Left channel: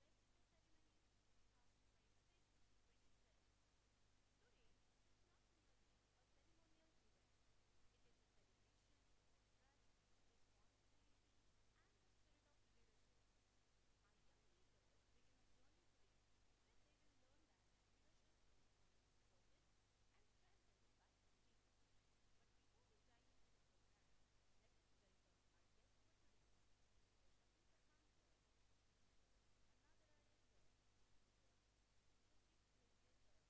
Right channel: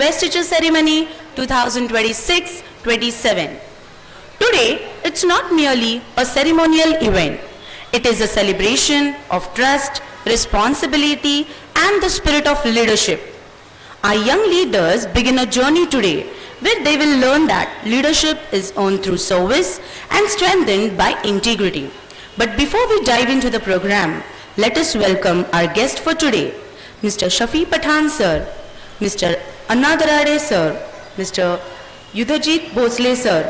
Investiture Ceremony 2026-27. Today, it's not merely a ceremonial event. It is a celebration of trust, responsibility, and the spirit of leadership. Our young leaders begin a journey today where they will learn that leadership is earned through service and strengthened by integrity. But before we dive into the program, let us welcome our guest for today, Mr. Shafi Pathan sir, Mr. Anna Darade sir, Mr. Yudhajit Bhosle sir,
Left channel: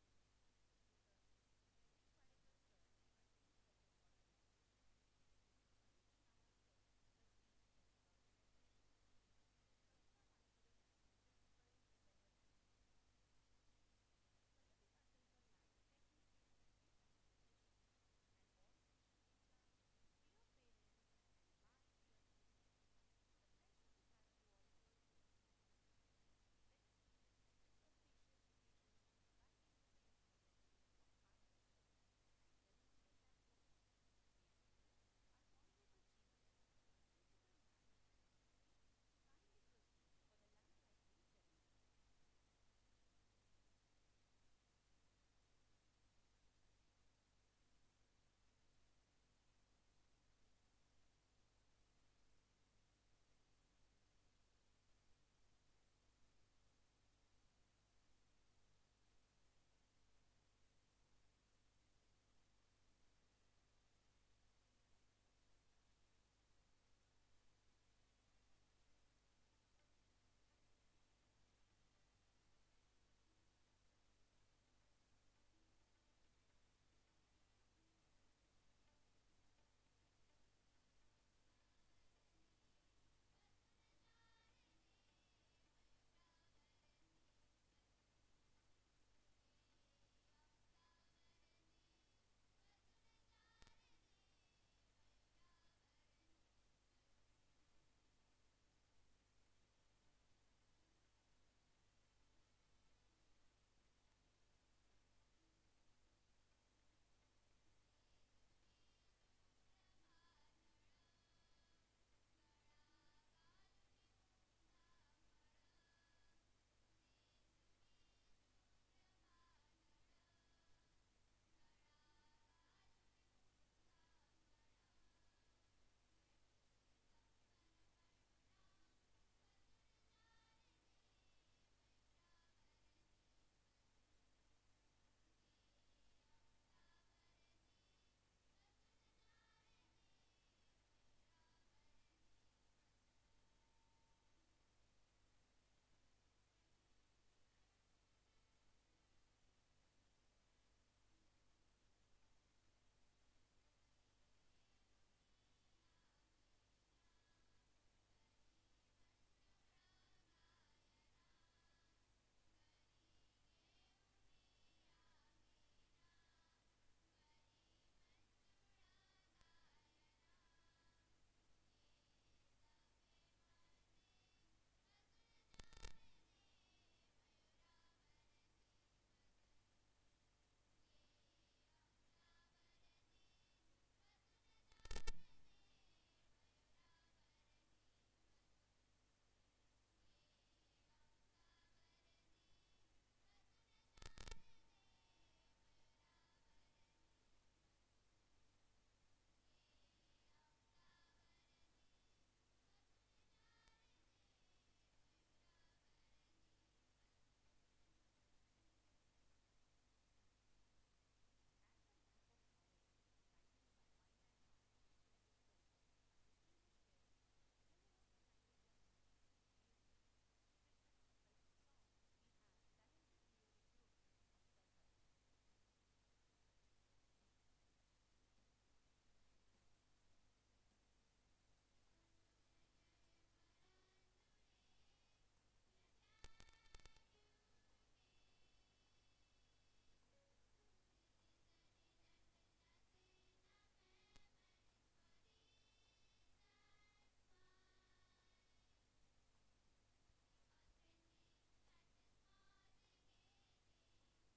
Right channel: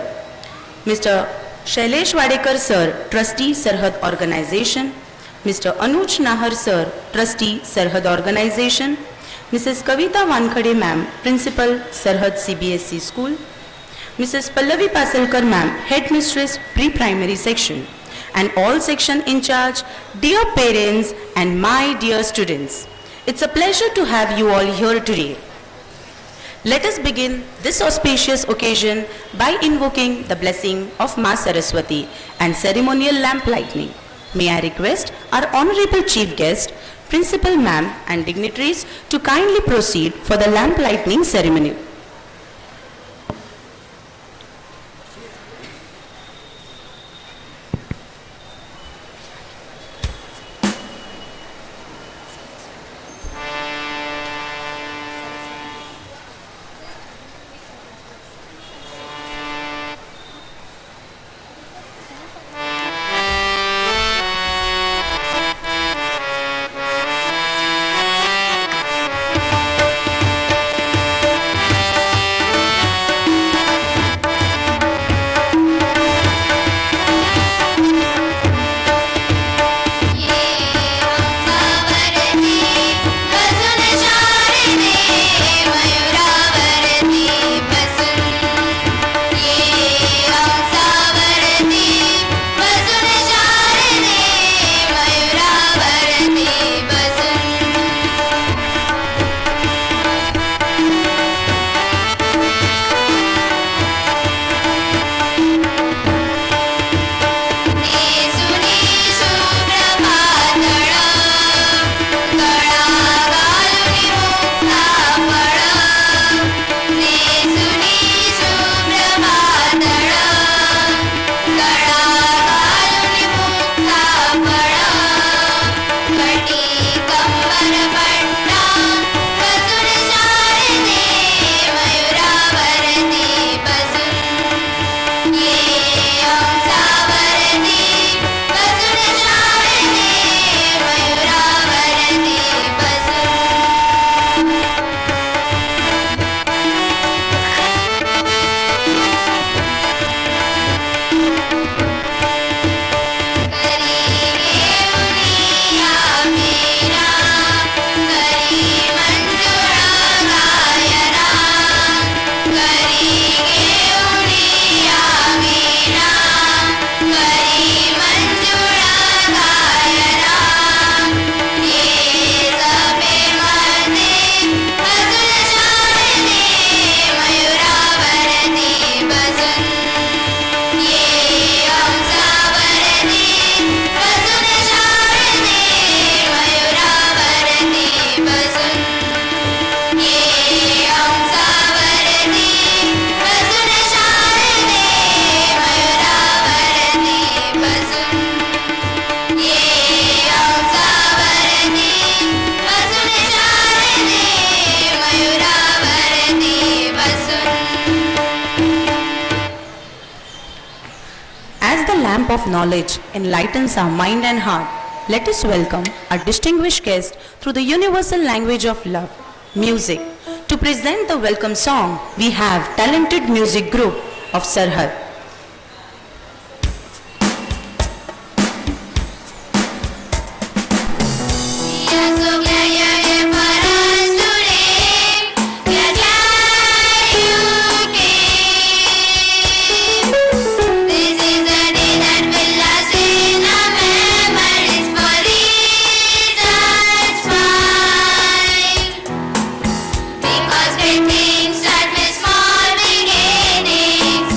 Mr. Shailesh Wadekar sir, Trustee Sarhad Organization, Mr. Anuj Nahar sir, Trustee Sarhad Organization, Mrs. Kavita Wankhade ma'am, Principal Sarhad CBSE School, Mrs. Pallavi Pasalkar ma'am, Headmistress Pre-Primary Section, and all section in charge, dear parents and my dear students. It's a pleasure to have you all here today. Let us begin this auspicious occasion by invoking the blessing of Ma Saraswati and ceremonial lamp lighting. May I request our Honorable Chief Guest, Principal Ma'am and dignitaries to kindly proceed for the lamp lighting ceremony. Of knowledge enlightens our mind and heart. Let us welcome our distinguished guest through the universal language of love, music. To present the welcome song, we have talented music group of Sarhad. Because great things start with small beginnings.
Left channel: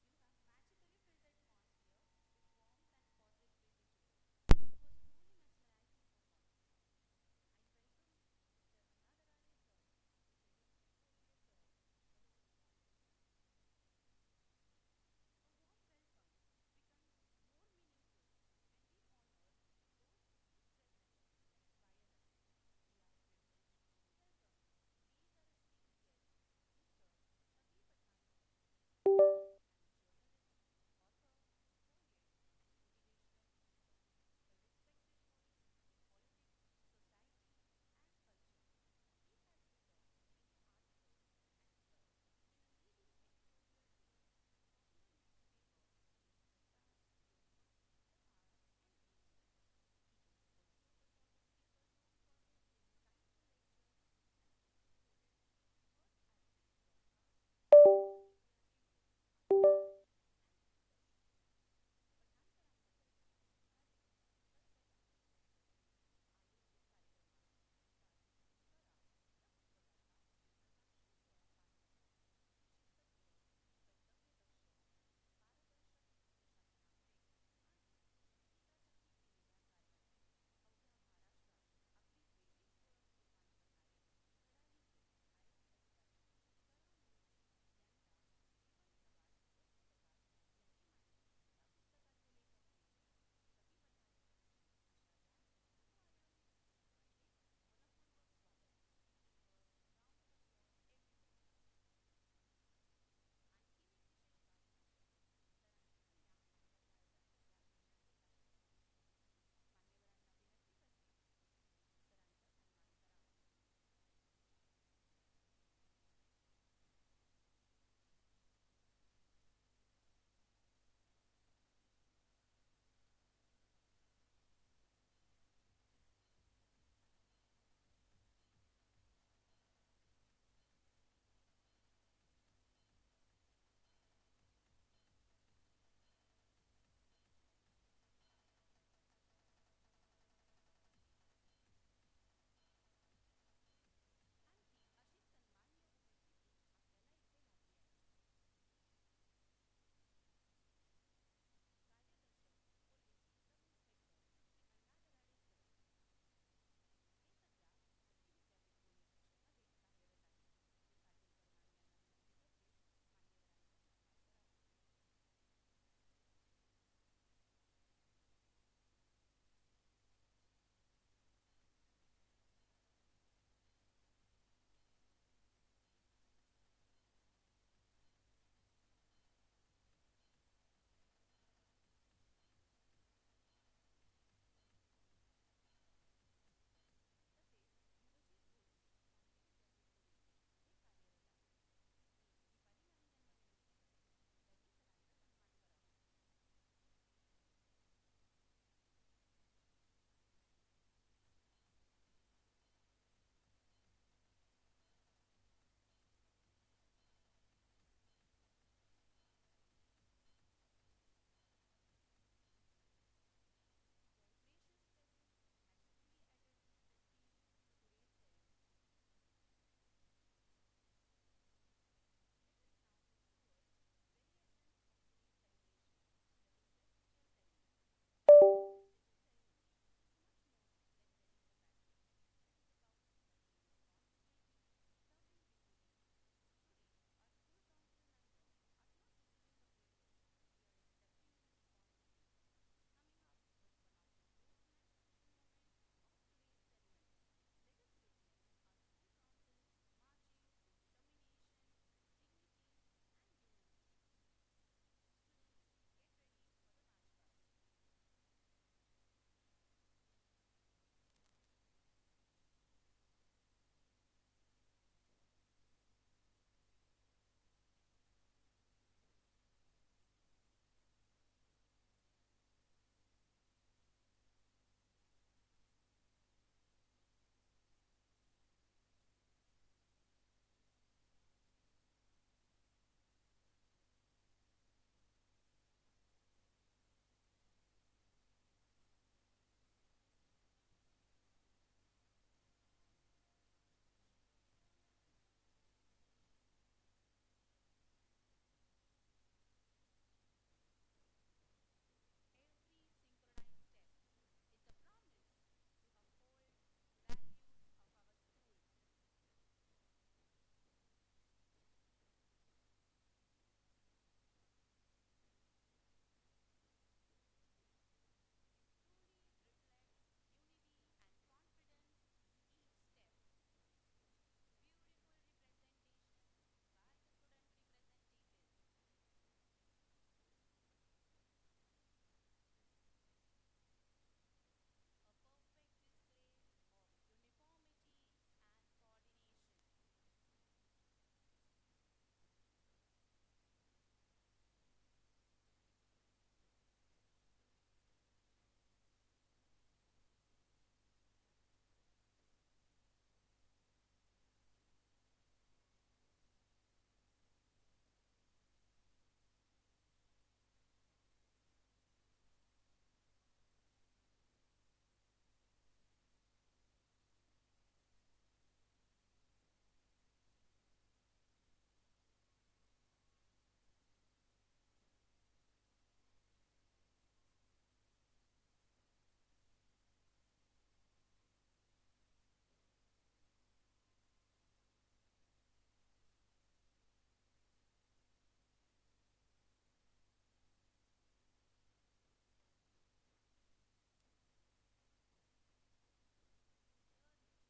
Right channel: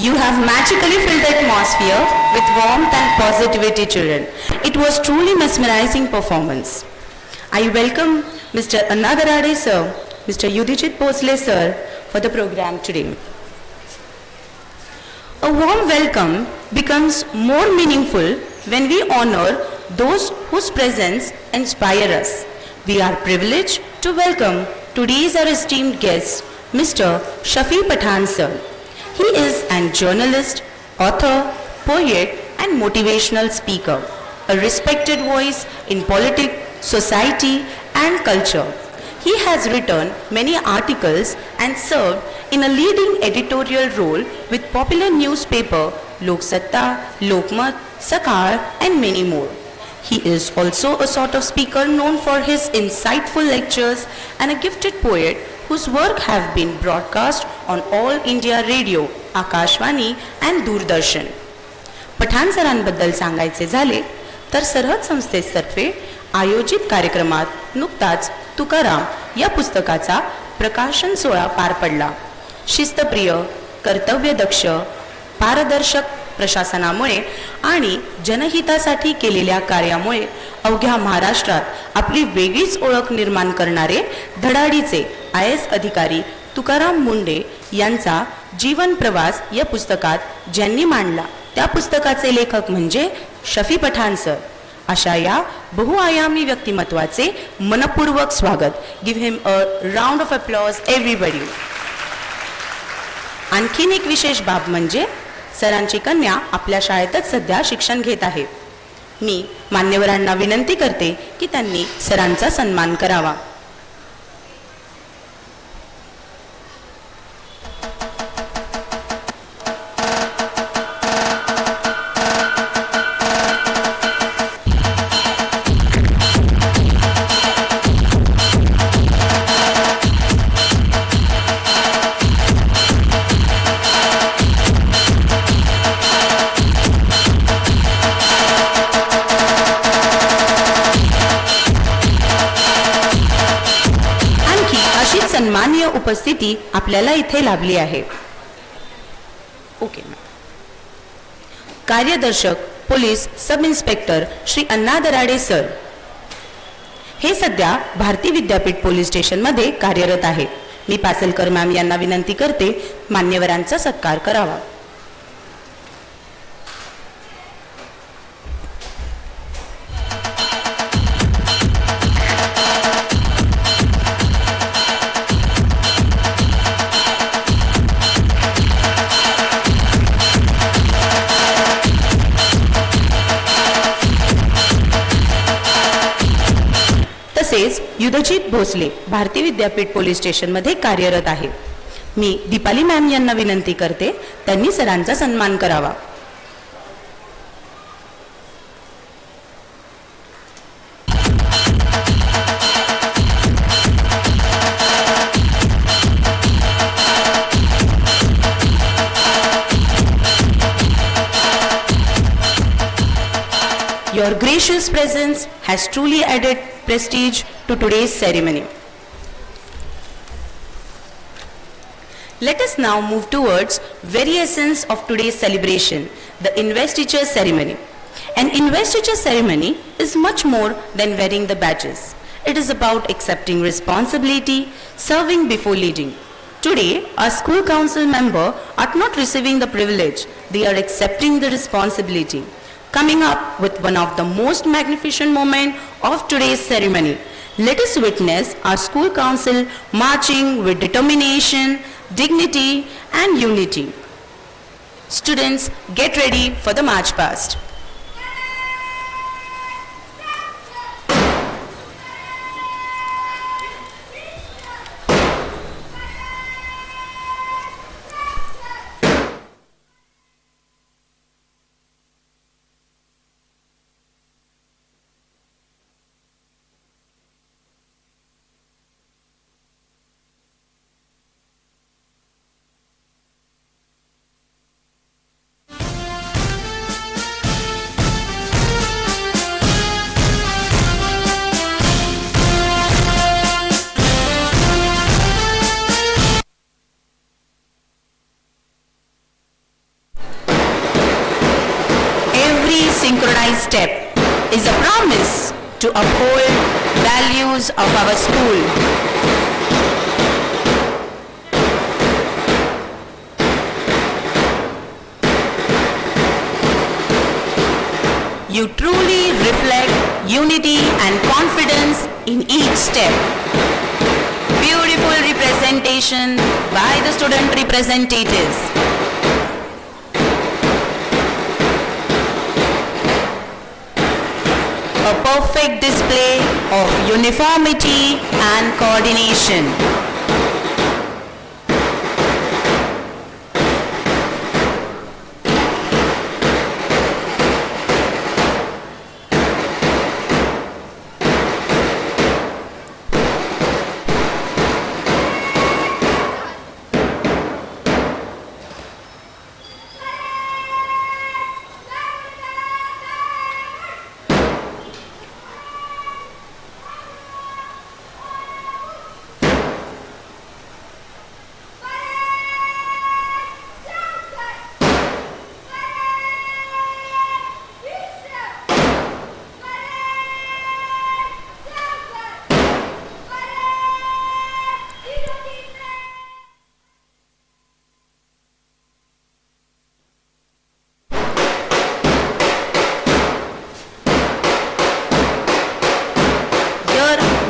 You have magically filled the atmosphere with warmth and positivity, children. It was truly mesmerizing performance. I welcome Mr. Anna Darade sir, Mr. Yudhijit Bhosle sir for the program today. A warm welcome becomes more meaningful when we honor those whose presence inspire us. We are privileged to welcome today's our esteemed guest, Mr. Shafi Pathan sir. He is an journalist, author, poet and motivational speaker, a respected voice in politics, society and culture. He has written many articles and served in a leading editorial role with popular newspaper Lok Satta, Lokmat, Sakar and many more. He is also a sort of speaker known for his insightful lectures and a gifted poet whose work have been broadcast on All India Radio, Akashvani and Doordarshan. Pathan सरांबद्दल सांगायचे झाले तर सरहद संस्थेतर्फे आयोजित कार्यक्रमात नुकताच तुकाराम या पुस्तकाचा प्रकाशन सोहळा पार पडला. शिस्तप्रिय, कर्तव्यदक्ष, पारदर्शक प्रशासनामुळे आणि जनहितासाठी केलेल्या कार्यामुळे अवघ्या महाराष्ट्रात आपली वेगळीच ओळख निर्माण करणारे धडाडीचे IAS अधिकारी तुकाराम मुंडे यांचा जीवन प्रवास या पुस्तकात ज्यांनी मांडला त्या पुस्तकाचे लेखक म्हणजे शफी पठाण सर. अशा या बहुआयामी व्यक्तिमत्वाचे मनपूर्वक स्वागत. Give him a round of applause everybody. आणखीन एक विशेष बाब म्हणजे सरांची कन्या आपल्या शाळेतच सध्या शिक्षण घेत आहे. मी मान्यवरांना विनंती करते की त्यांनी सरांचा सन्मान करावा. सन्माननीय उपस्थिती आपल्याला इथे लाभली आहे. ओके. कार्यदर्शक police sub inspector Shri Anna Darade sir हे सध्या भारती विद्यापीठ पोलीस स्टेशन मध्ये कार्यरत आहेत. मी पासलकर मॅम यांना विनंती करते मान्यवरांचा सत्कार करावा. तसेच युधजित भोसले भारती विद्यापीठ पोलीस स्टेशन मध्ये कार्यरत आहे. मी दीपाली मॅम यांना विनंती करते त्यांनी सरांचा सन्मान करावा. Your gracious presence has truly added prestige to today's ceremony. Let us now move towards very essence of today's celebration, the investiture ceremony. An investiture ceremony is much more than wearing the badges. It is about accepting responsibility, serving before leading. Today, our school council member are not receiving the privilege, they are accepting the responsibility. Coming up with one of the most magnificent moments of today's ceremony, let us witness our school council marching with determination, dignity and unity. Students, get ready for the march past. Every synchronized step is a promise to uphold values of our school. You truly reflect unity and confidence in each step. Beautiful representation by the student representatives. A perfect display of uniformity and coordination.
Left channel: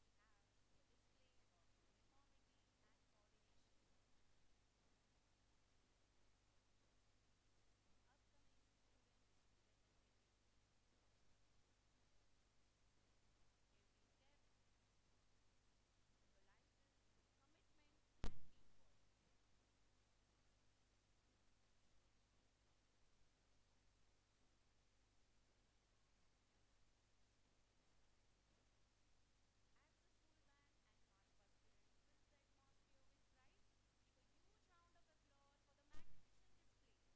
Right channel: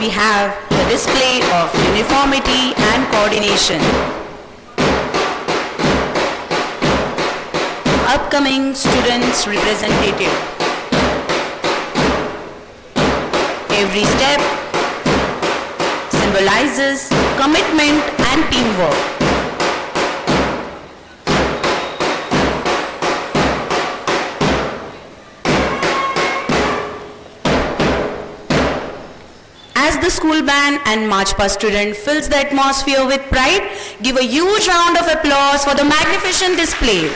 We have the display of uniformity and coordination. Upcoming students representative. Every step symbolizes commitment and teamwork. As the school band and March Past student fills the atmosphere with pride, give a huge round of applause for the magnificent display.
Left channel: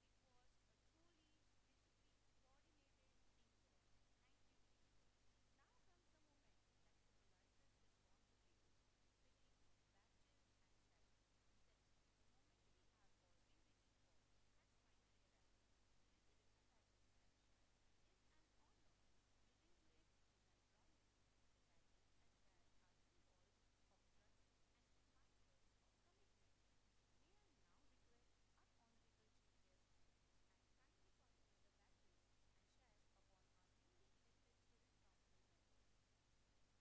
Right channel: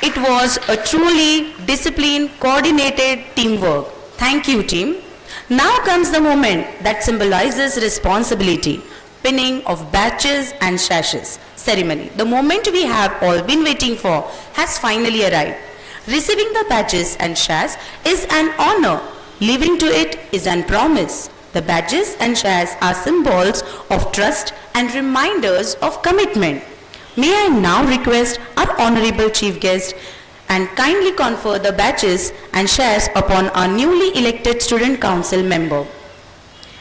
It was a truly disciplined, coordinated teamwork. Thank you, team. Now comes the moment that symbolizes responsibility, pinning of badges and sashes ceremony. The moment we have all been waiting for has finally arrived. Receiving the badges and sash is an honor. Living to it is a promise. The badges and sash are symbols of trust and reminders of commitment. May I now request our honorable chief guest and kindly confer the badges and sash upon our newly elected student council member.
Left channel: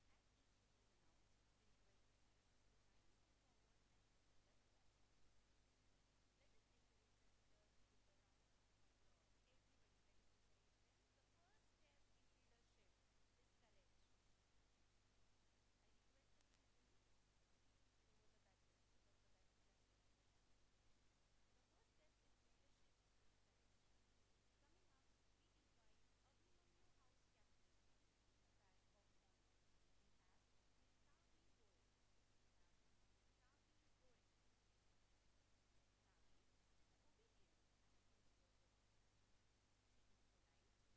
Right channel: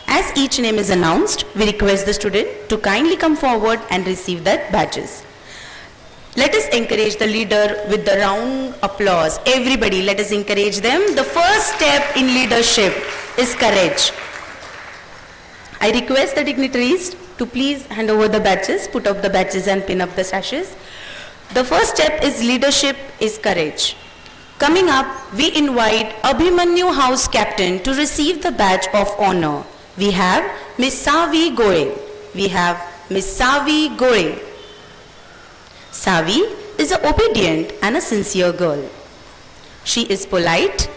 As each name is announced, we request the student to kindly come forward and receive the badges. Let us encourage the leader with the round applause. Everybody, let us encourage them. The first step in leadership is courage. I request the dignitaries to please hand over the badges, put up the badges and pin up the sashes. The first step is leadership is courage. Coming up, we invite Abhimanyu House Captain to receive the badge of honor. We have Miss Savi Gore. We have Miss Savi Gore. Savi is an obedient and a sincere girl. She is polite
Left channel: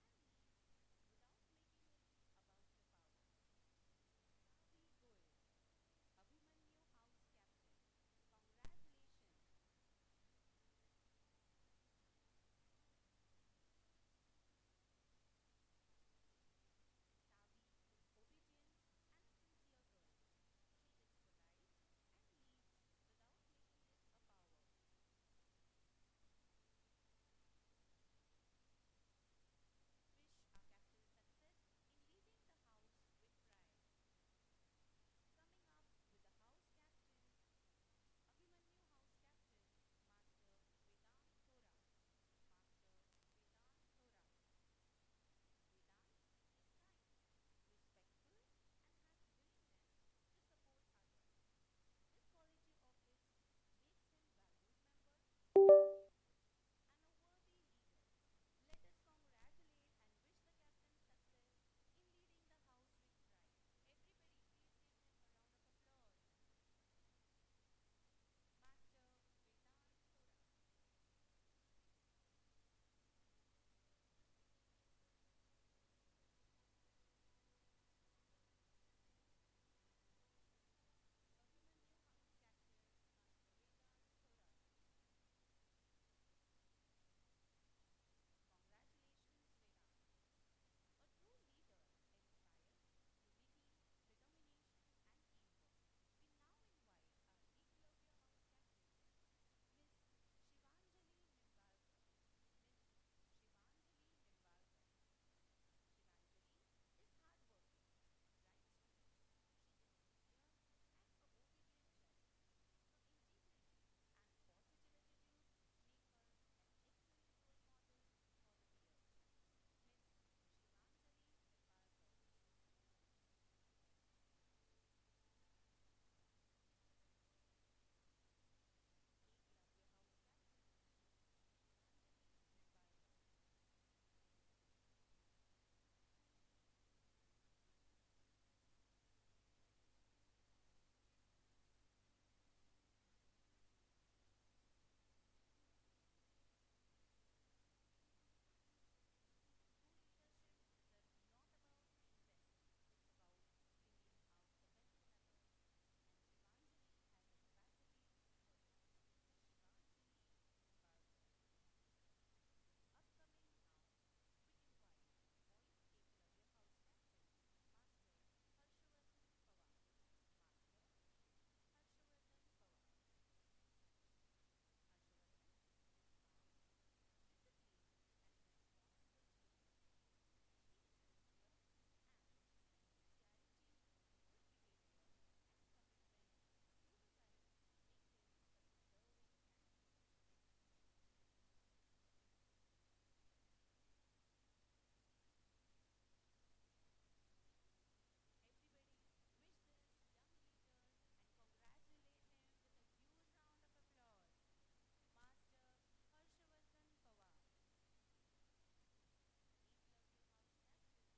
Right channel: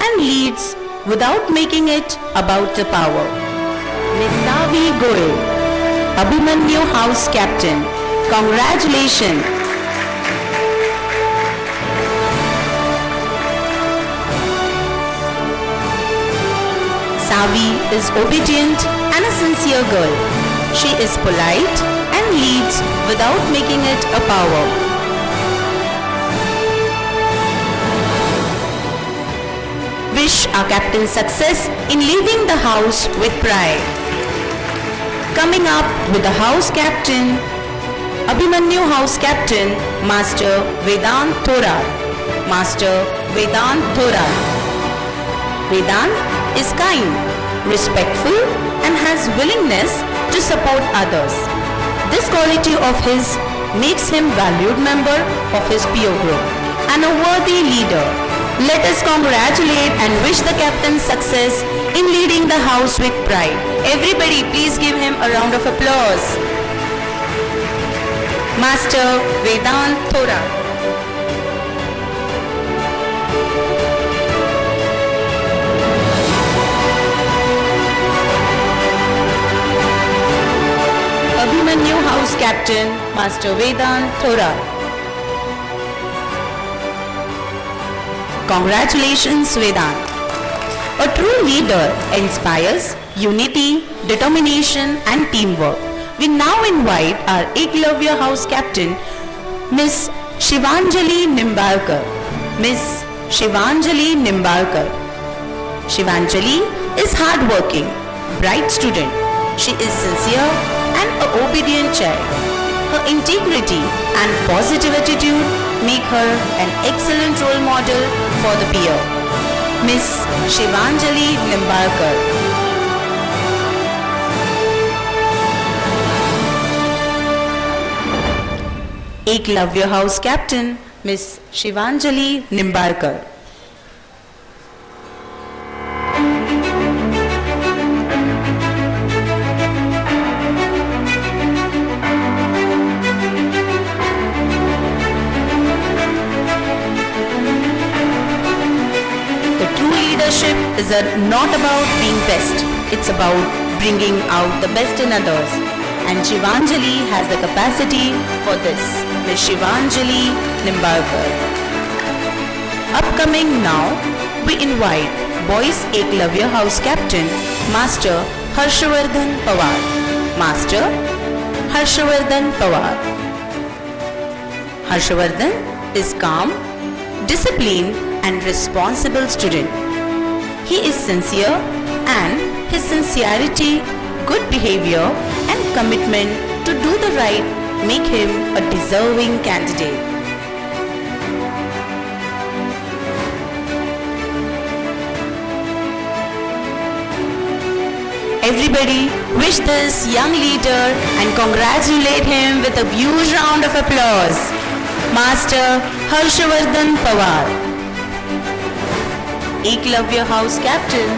and leads without making it about the power. Miss Savi Gore, Abhimanyu House Captain, congratulations. Savi is obedient and a sincere girl. She is polite and leads without making it a power. Wish our captain success in leading the house with pride. Coming up with the house captain, Abhimanyu House Captain, Master Vedant Thorat. Master Vedant Thorat. Vedant is kind, respectful and has willingness to support others. This quality of his makes him valued member of his peer group and a worthy leader. Let us congratulate and wish the captain success in leading the house with pride. Everybody, please give him a round of applause. Master Vedant Thorat. Abhimanyu House Captain, Master Vedant Thorat. Congratulations, Vedant. A true leader inspires unity, determination, and teamwork. We now invite our Eklavya House Captain, Miss Shivanjali Nimbalkar. Miss Shivanjali Nimbalkar. Shivanjali is hardworking, bright student. She is sincere and an obedient child. Her integrity and positive attitude make her an excellent role model for the peer. Miss Shivanjali Nimbalkar. Eklavya House Captain, Miss Shivanjali Nimbalkar. Leadership is not about being best, it's about bringing out the best in others. And Shivanjali has the capacity for this. Ms. Shivanjali Nimbalkar. Upcoming now, we invite Boys Eklavya House Captain, Master Harshavardhan Pawar. Master Harshavardhan Pawar. Harshavardhan is calm, disciplined and responsible student. He is sincere and his sincerity, good behavior and commitment to do the right make him a deserving candidate. Everybody wish this young leader and congratulate him with a huge round of applause. Master Harshavardhan Pawar. Eklavya House Captain,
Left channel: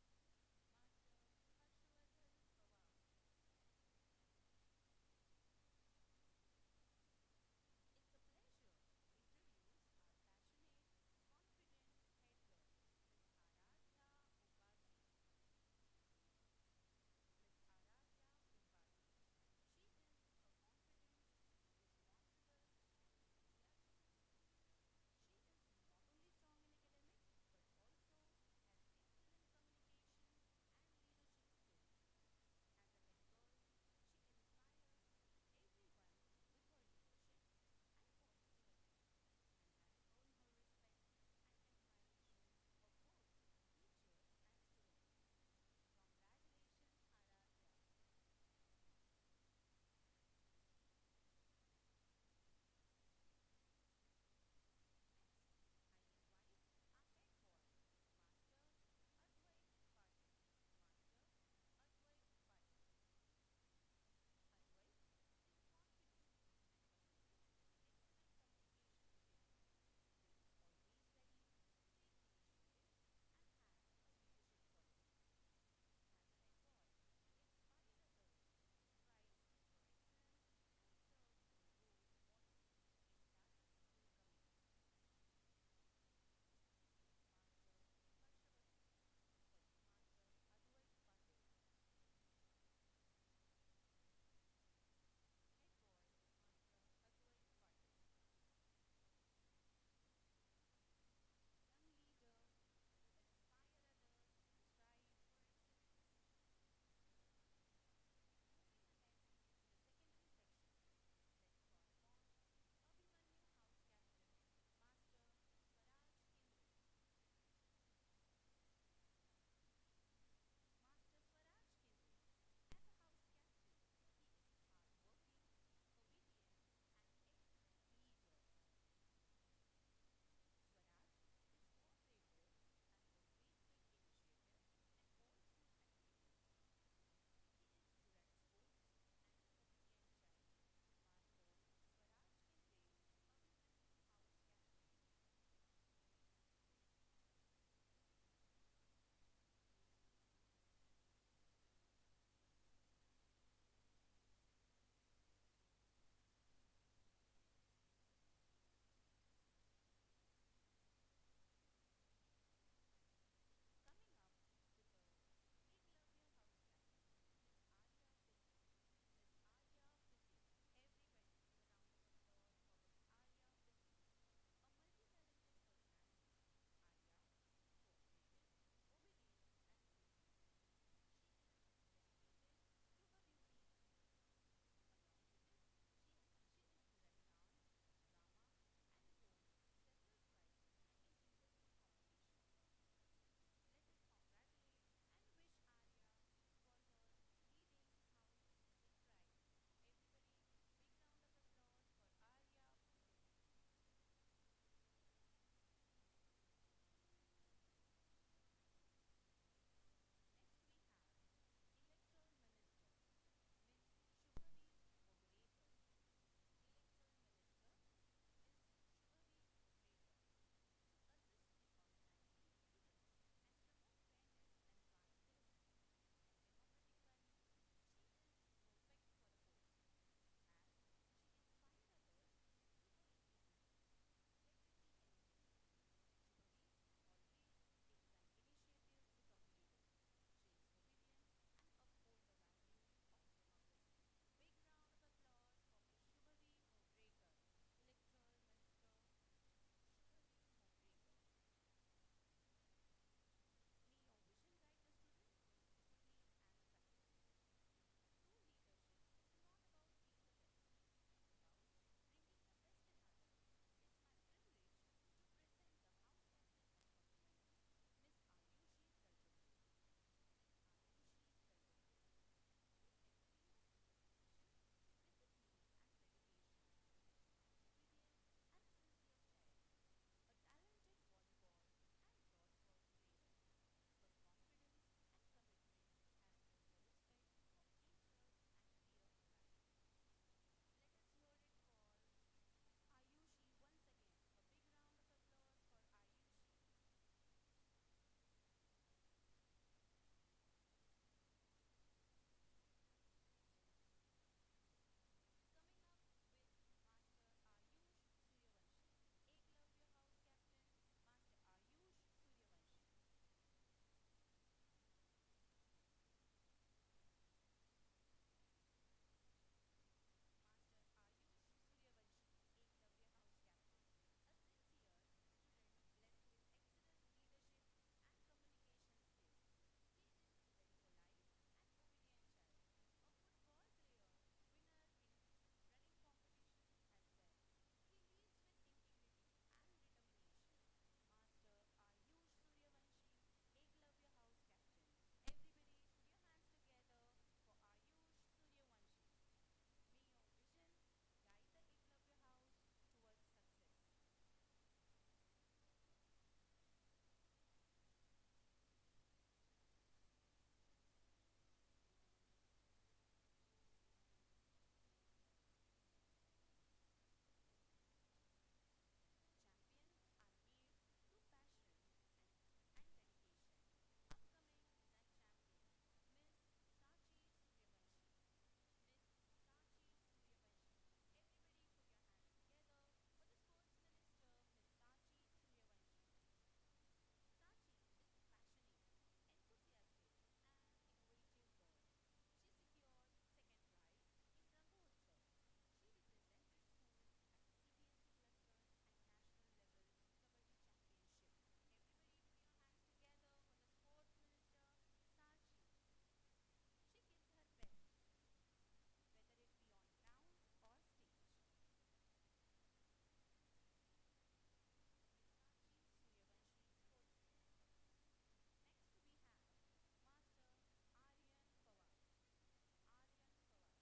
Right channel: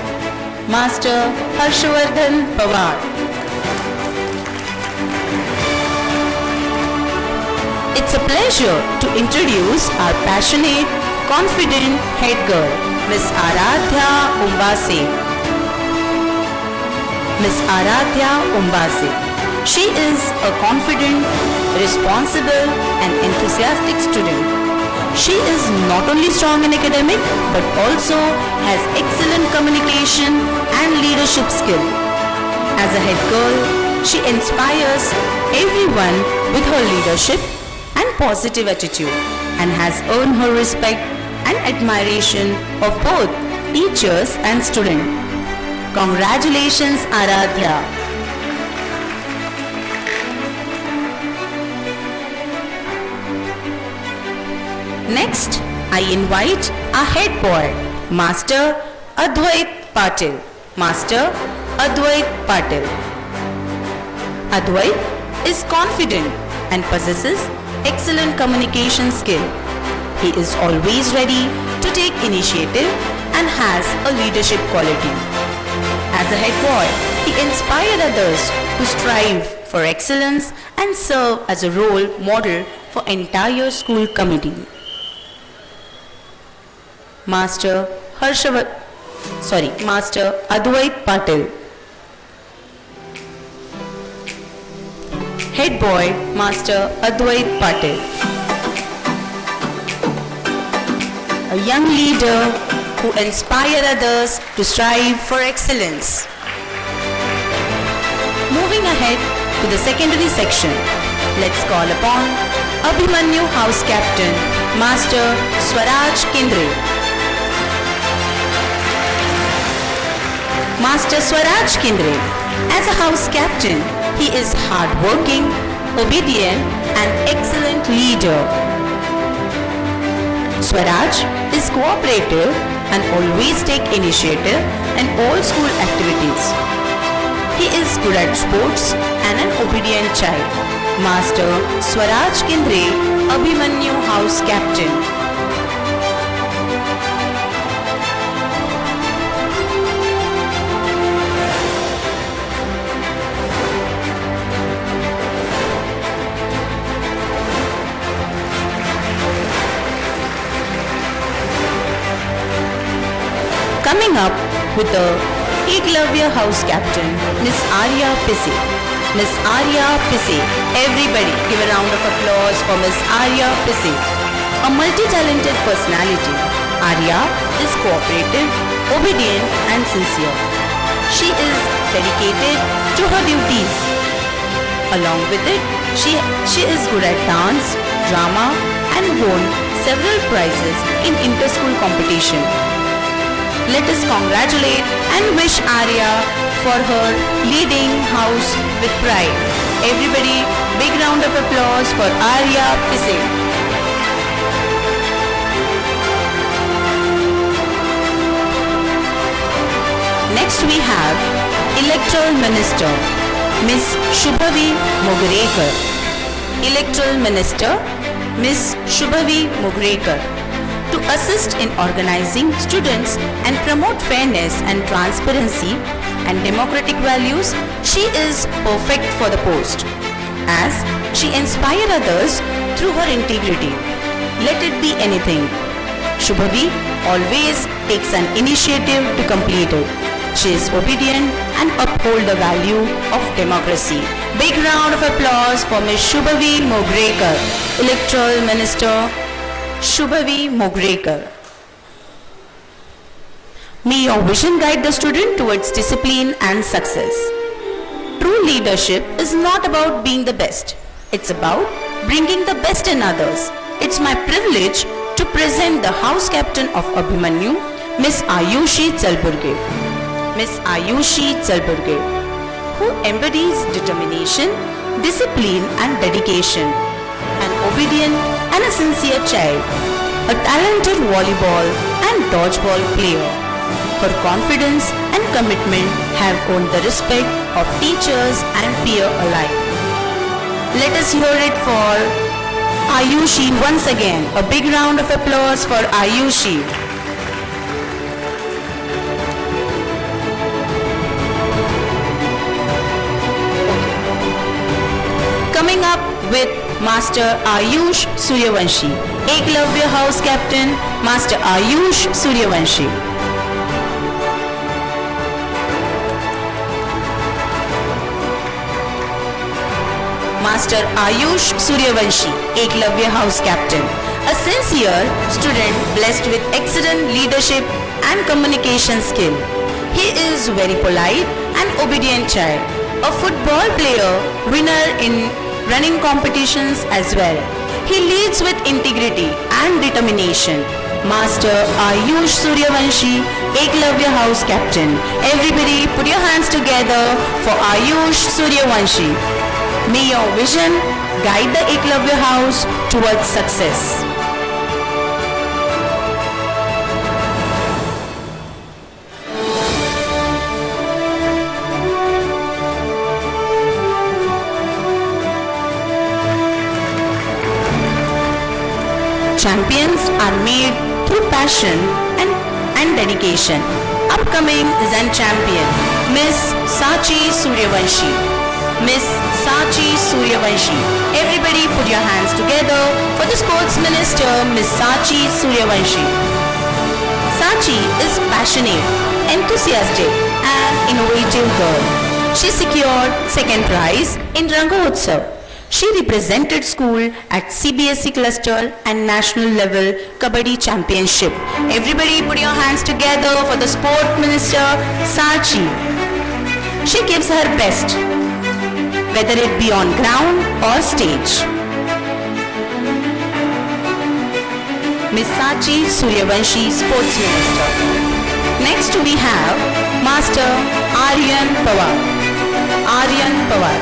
Master Harshavardhan Pawar. It's a pleasure to introduce our passionate, confident head girl, Miss Aradhya Umbase. Miss Aradhya Umbase. She is a confident, responsible and enthusiastic student. She is not only strong in academic but also has excellent communication and leadership skill. As a head girl, she inspires everyone with her leadership and positive attitude and has earned her respect and admiration of both teachers and students. Congratulations, Aradhya. Next, I invite our head boy, Master Advait Patil. Master Advait Patil. Advait is confident and possesses excellent communication skill. He is always ready to take initiative and has a leadership quality. As a head boy, he inspired others to strive for excellence and serve as a role model for entire school committee. Master Advait Patil. Head boy, Master Advait Patil. A young leader who inspires others to strive for excellence. Moving ahead to the secondary section, let's call upon Abhimanyu House Captain, Master Swaraj Kendre. Master Swaraj Kendre. As a house captain, he is hardworking, obedient and excellent leader. Swaraj is cooperative and always take initiative in all school activities. He is good at sports and an obedient child. Master Swaraj Kendre, Abhimanyu House Captain. Coming up with the Eklavya House Captain, Miss Arya Pisse. Miss Arya Pisse. Everybody give a round of applause for Miss Arya Pisse. A multi-talented personality, Arya is cooperative, obedient and sincere. She is dedicated to her duties. Along with it, she is good at dance, drama and won several prizes in inter-school competition. Let us congratulate and wish Arya for her leading house with pride. Everybody, big round of applause for Arya Pise. Next we have Electoral Minister, Miss Shubhavi Mogarekar. Electoral Minister, Miss Shubhavi Mogarekar. To assist in organizing students and promote fairness and transparency and democratic values, she is perfect for the post, as she inspires others through her integrity. Let it be anything. Shubhavi always takes an initiative to complete it. She is obedient and uphold the value of democracy. Big round of applause for Ms. Shubhavi Mogarekar, Electoral Minister Shubhavi Mogarekar. May your vision guide the student towards discipline and success. True leadership is not about being the best. It's about bringing the best in others. It's my privilege to present the House Captain of Abhimanyu, Miss Ayushi Chalburge. Miss Ayushi Chalburge, who embodies determination, discipline and dedication, an obedient and a sincere child, a talented volleyball and dodgeball player. Her confidence and commitment have earned the respect of teachers and peers alike. Let us hear it for Ayushi once again. A big round of applause for Ayushi. Coming up with Master Ayush Suryavanshi, Eklavya House Captain, Master Ayush Suryavanshi. Master Ayush Suryavanshi, Eklavya House Captain, a sincere student blessed with excellent leadership and communication skill. He is very polite and obedient child, a football player, winner in running competitions as well. He leads with integrity and determination. Master Ayush Suryavanshi, Eklavya House Captain. Everybody put your hands together for Ayush Suryavanshi. May your vision guide the Eklavya House towards success. Champions are made through passion and dedication. Upcoming Zen champion, Miss Sachi Suryavanshi. Miss Sachi Suryavanshi. Everybody put your hands together for the Sports Minister, Miss Sachi Suryavanshi. Sachi is passionate, enthusiastic and innovative girl. She secured second prize in Rangotsav. She represented school at CBSE cluster and national level Kabaddi championship. Everybody put your hands together for the Sport Minister, Sachi. She gives her best, whether it be on ground or stage. Miss Sachi Suryavanshi, Sports Minister. Next we have Master Aryan Pawar. Aryan Pawar.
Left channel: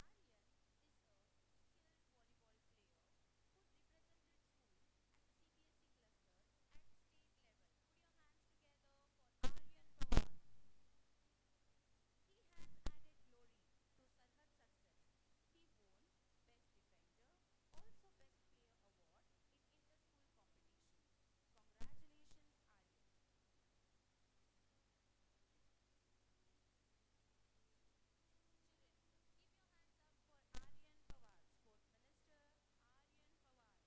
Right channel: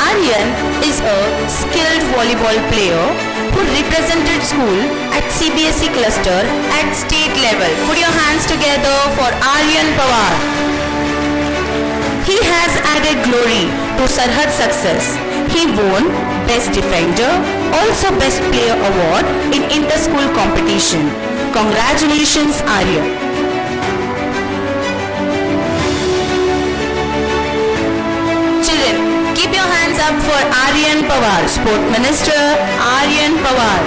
Aryan is a skilled volleyball player who represented school at CBSE cluster at state level. Put your hands together for Aryan Pawar. He has added glory to Sarhad success. He won Best Defender, also Best Player Award in inter-school competition. Congratulations, Aryan. Keep your hands up for Aryan Pawar, Sport Minister Aryan Pawar.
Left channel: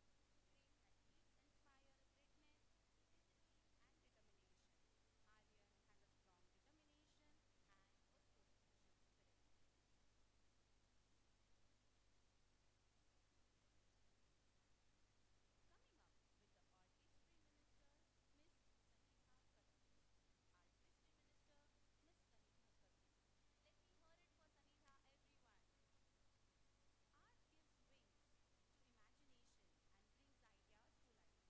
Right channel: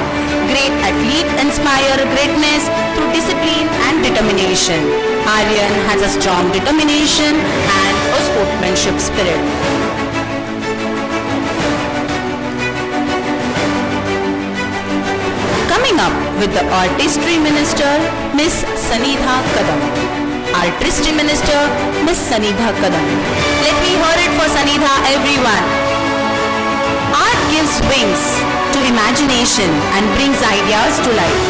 Great athlete, inspire greatness through discipline and determination. Aryan has a strong determination and a sportsmanship spirit. Coming up with the Artistry Minister, Miss Sanidha Kadam. Artistry Minister, Miss Sanidha Kadam. Let me hear it for Sanidha, everyone. Art gives wings to imagination and brings ideas to life.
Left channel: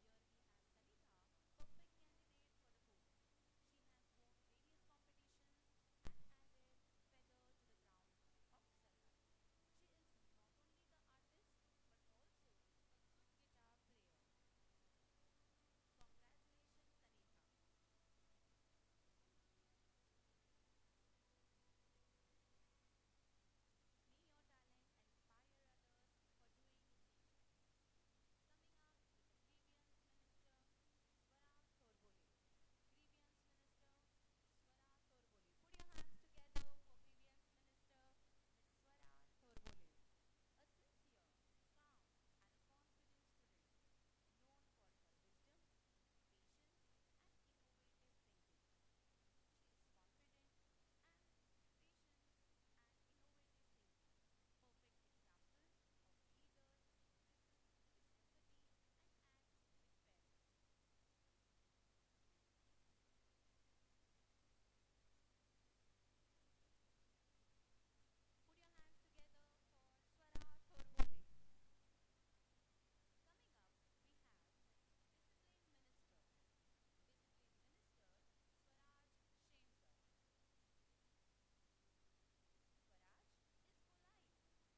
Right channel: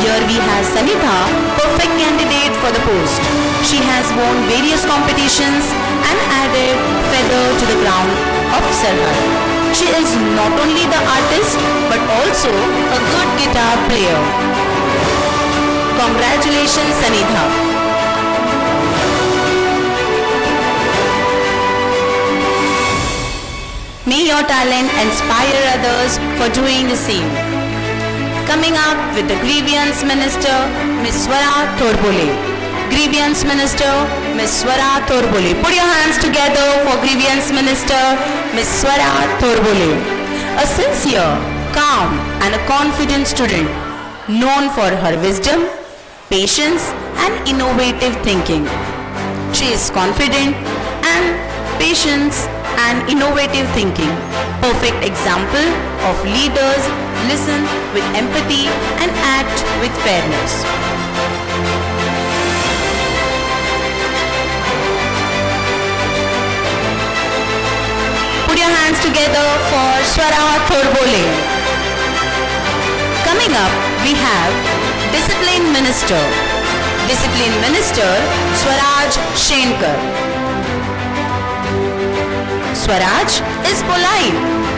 Here we have Sanidha, perfect candidate for the post. She has won various competitions and added feather to the crown of Sarhad. She is not only the artist but also a good guitar player. Congratulations, Sanidha. May your talent inspire others for doing the same. Coming up with the Grievance Minister, Ms. Swara Thorbole. Grievance Minister, Ms. Swara Thorbole. Put your hands together for Grievance Minister, Ms. Swara Thorbole. A sincere, calm and a confident student, known for her wisdom, patience and innovative thinking. She is confident and patience and innovative thinking. Perfect example of leaders listen with empathy and act with fairness. Put your hands together for Swara Thorbole. Coming up, we have Discipline Minister. Discipline Minister Swaraj Shenkar. Swaraj is polite,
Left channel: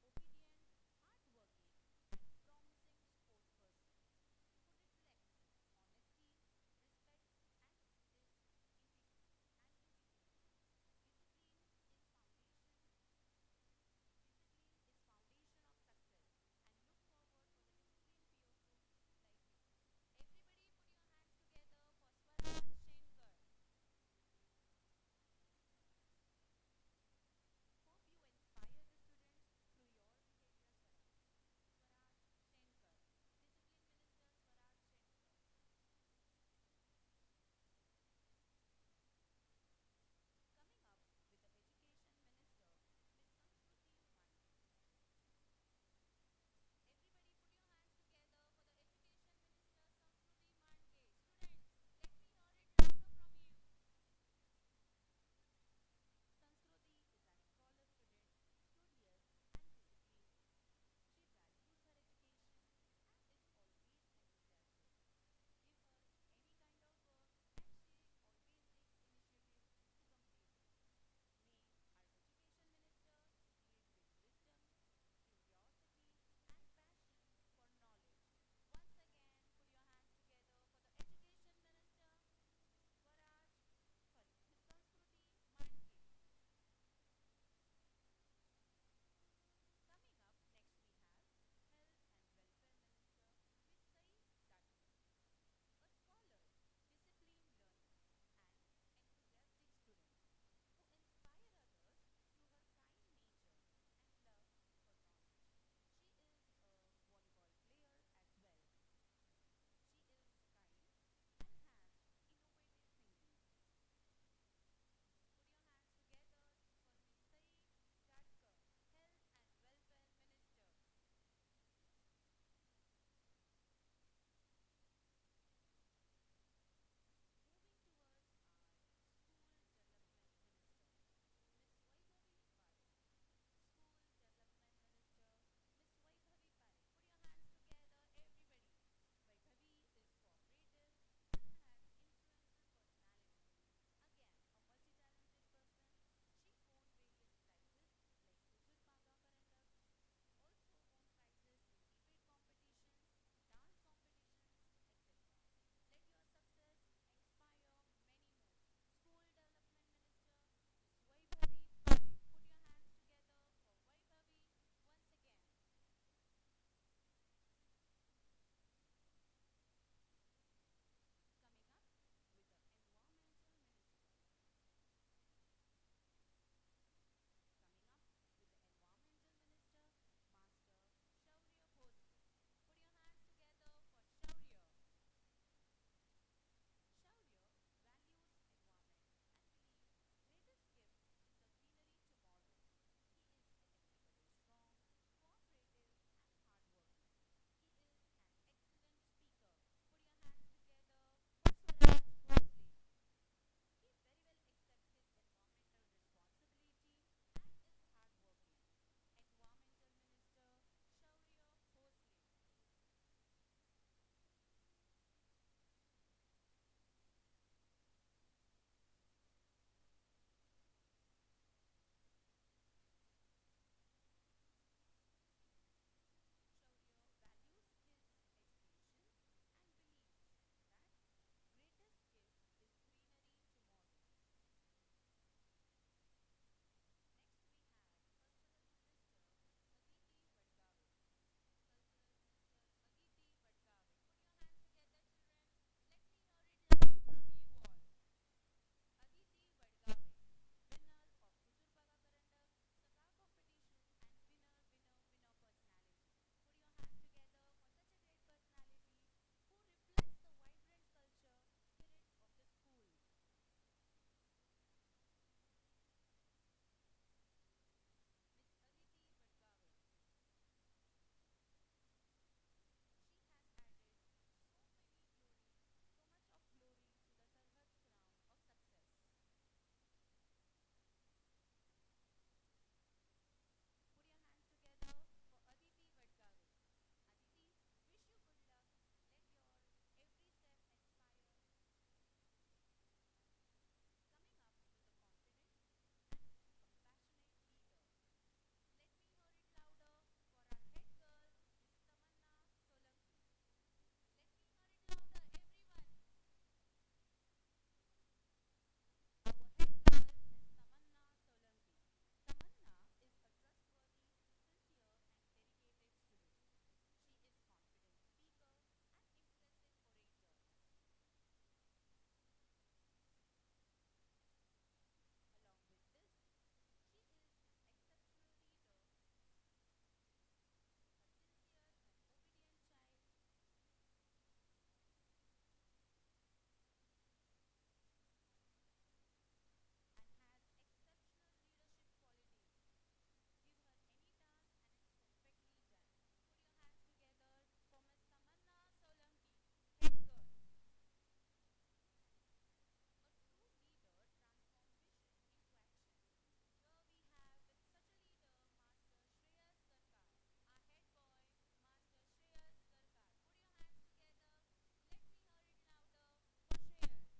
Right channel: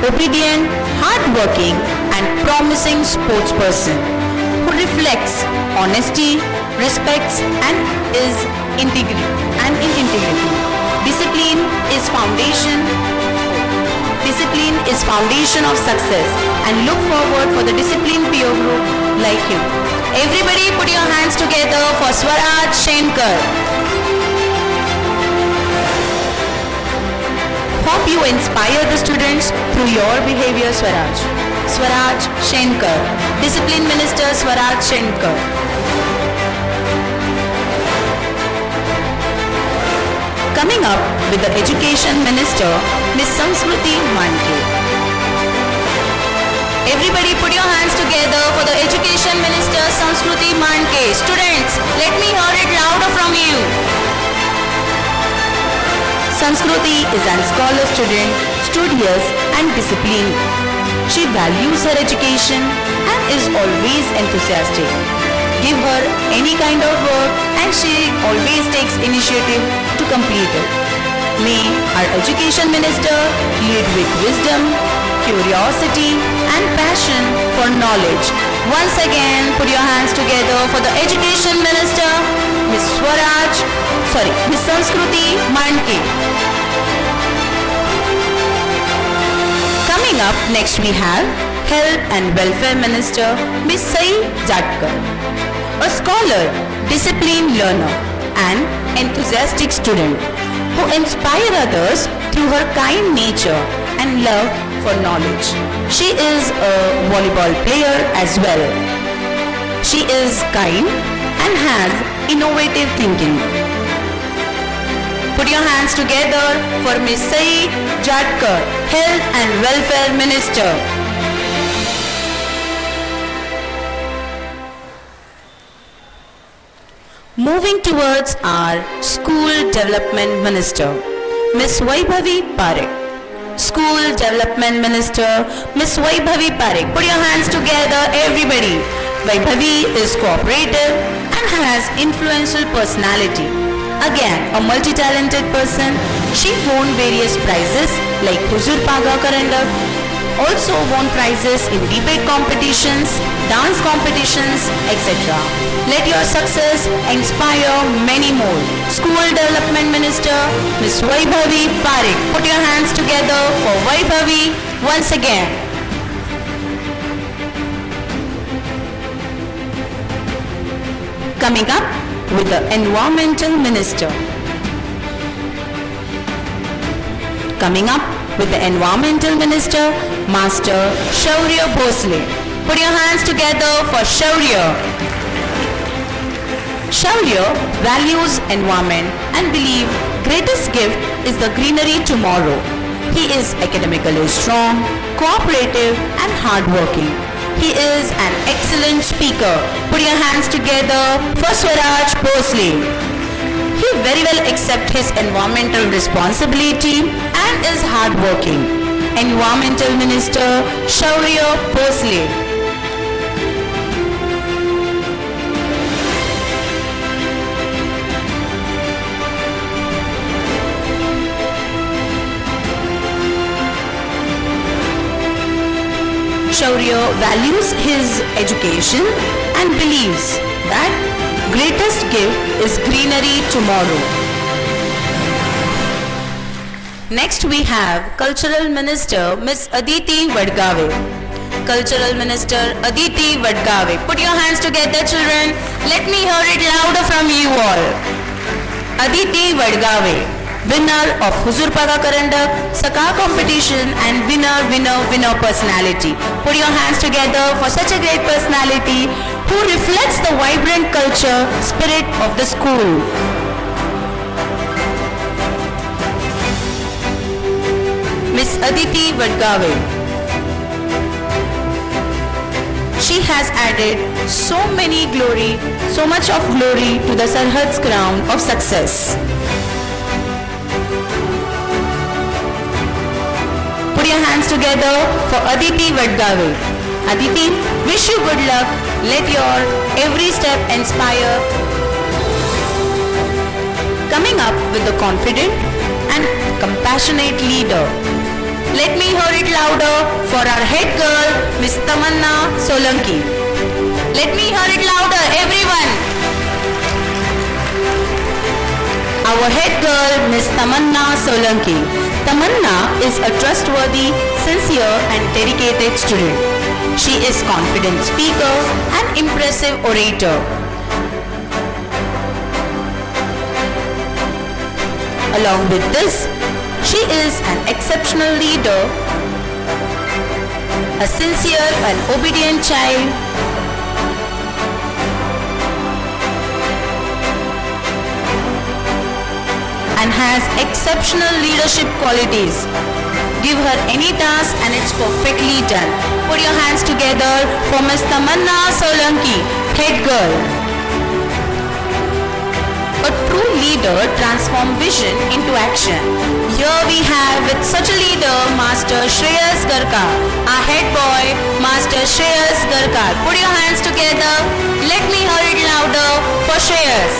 obedient, hardworking and promising sportsperson who reflects honesty, respects and is integrity. Discipline is foundation of success and look forward for the disciplined peer group like you. Everybody put your hands together for Swaraj Shenkar. Hope you inspire the students through your behavior, Swaraj. Swaraj Shenkar. Discipline Minister Swaraj Shenkar. Coming up with the Education Minister, Ms. Samskruti Manke. Everybody put your hands together for the Education Minister, Samskruti Manke. Students, let me hear it louder from you. Samskruti is a scholar student, studious and disciplined. She values her education and is always enthusiastic. Give her any kind of work and she always takes initiative to complete it. May our Education Minister lead with wisdom, curiosity and passion for knowledge. Once again, put your hands together for the Education Minister, Ms. Samskruti Manke. Coming up, next we have Health and Welfare Minister, Ms. Sai Jatkar. A scholar, disciplined learner and enthusiastic student who inspires others through her kind nature and love for knowledge. She is a volleyball player as well. She is kind and has innovative thinking. Put your hands together for Ms. Sai Jatkar, Health and Welfare Minister. Moving towards our School Development Minister, Ms. Vaibhavi Parekh. School Development Minister, Ms. Vaibhavi Parekh. Put your hands together, everybody. Vaibhavi is cooperative and has influential personality. Again, a multi-talented person. She won various prizes like Huzur Paga Karandak, also won prizes in debate competitions, dance competitions, etc. Let your success inspire many more. School Development Minister, Ms. Vaibhavi Parekh. Put your hands together for Vaibhavi once again. Coming up with the Environmental Minister. Coming up with the Environmental Minister, Master Shaurya Bhosle. Put your hands together for Shaurya. Shaurya values environment and believes greatest gift is the greenery tomorrow. He is academically strong, cooperative and hardworking. He is an excellent speaker. Put your hands together for Swaraj Bhosle. He very well accepts his environmental responsibility and is hardworking. Environmental Minister Shaurya Bhosle. Shaurya values his education and believes that greatest gift is greenery tomorrow. Next we have Cultural Minister Ms. Aditi Vadgave. Cultural Minister Aditi Vadgave. Put your hands together, children. Let me hear it louder from you all. Aditi Vadgave, winner of Huzur Paga Karandak, Saka competition and winner personality. Put your hands together for such a great personality who reflects the vibrant culture spirit of the school. Miss Aditi Vadgave. She has added so much of glory to the Sarhad's crown of success. Put your hands together for Aditi Vadgave. Aditi, wish you good luck. Let your every step inspire. Coming up with a confident and compassionate leader. Let me hear it louder for our head girl, Miss Tamanna Solanki. Let me hear it louder, everyone. Our head girl, Miss Tamanna Solanki. Tamanna is a trustworthy, sincere and dedicated student. She is confident speaker and impressive orator. Along with this, she is an exceptional leader, a sincere and obedient child, and has exceptional leadership qualities. Give her any task and it's perfectly done. Put your hands together for Ms. Tamanna Solanki, head girl. A true leader transforms vision into action. Here we have with such a leader, Master Shreyas Garkar, our head boy, Master Shreyas Garkar. Put your hands together. Let me hear it louder for Shreyas.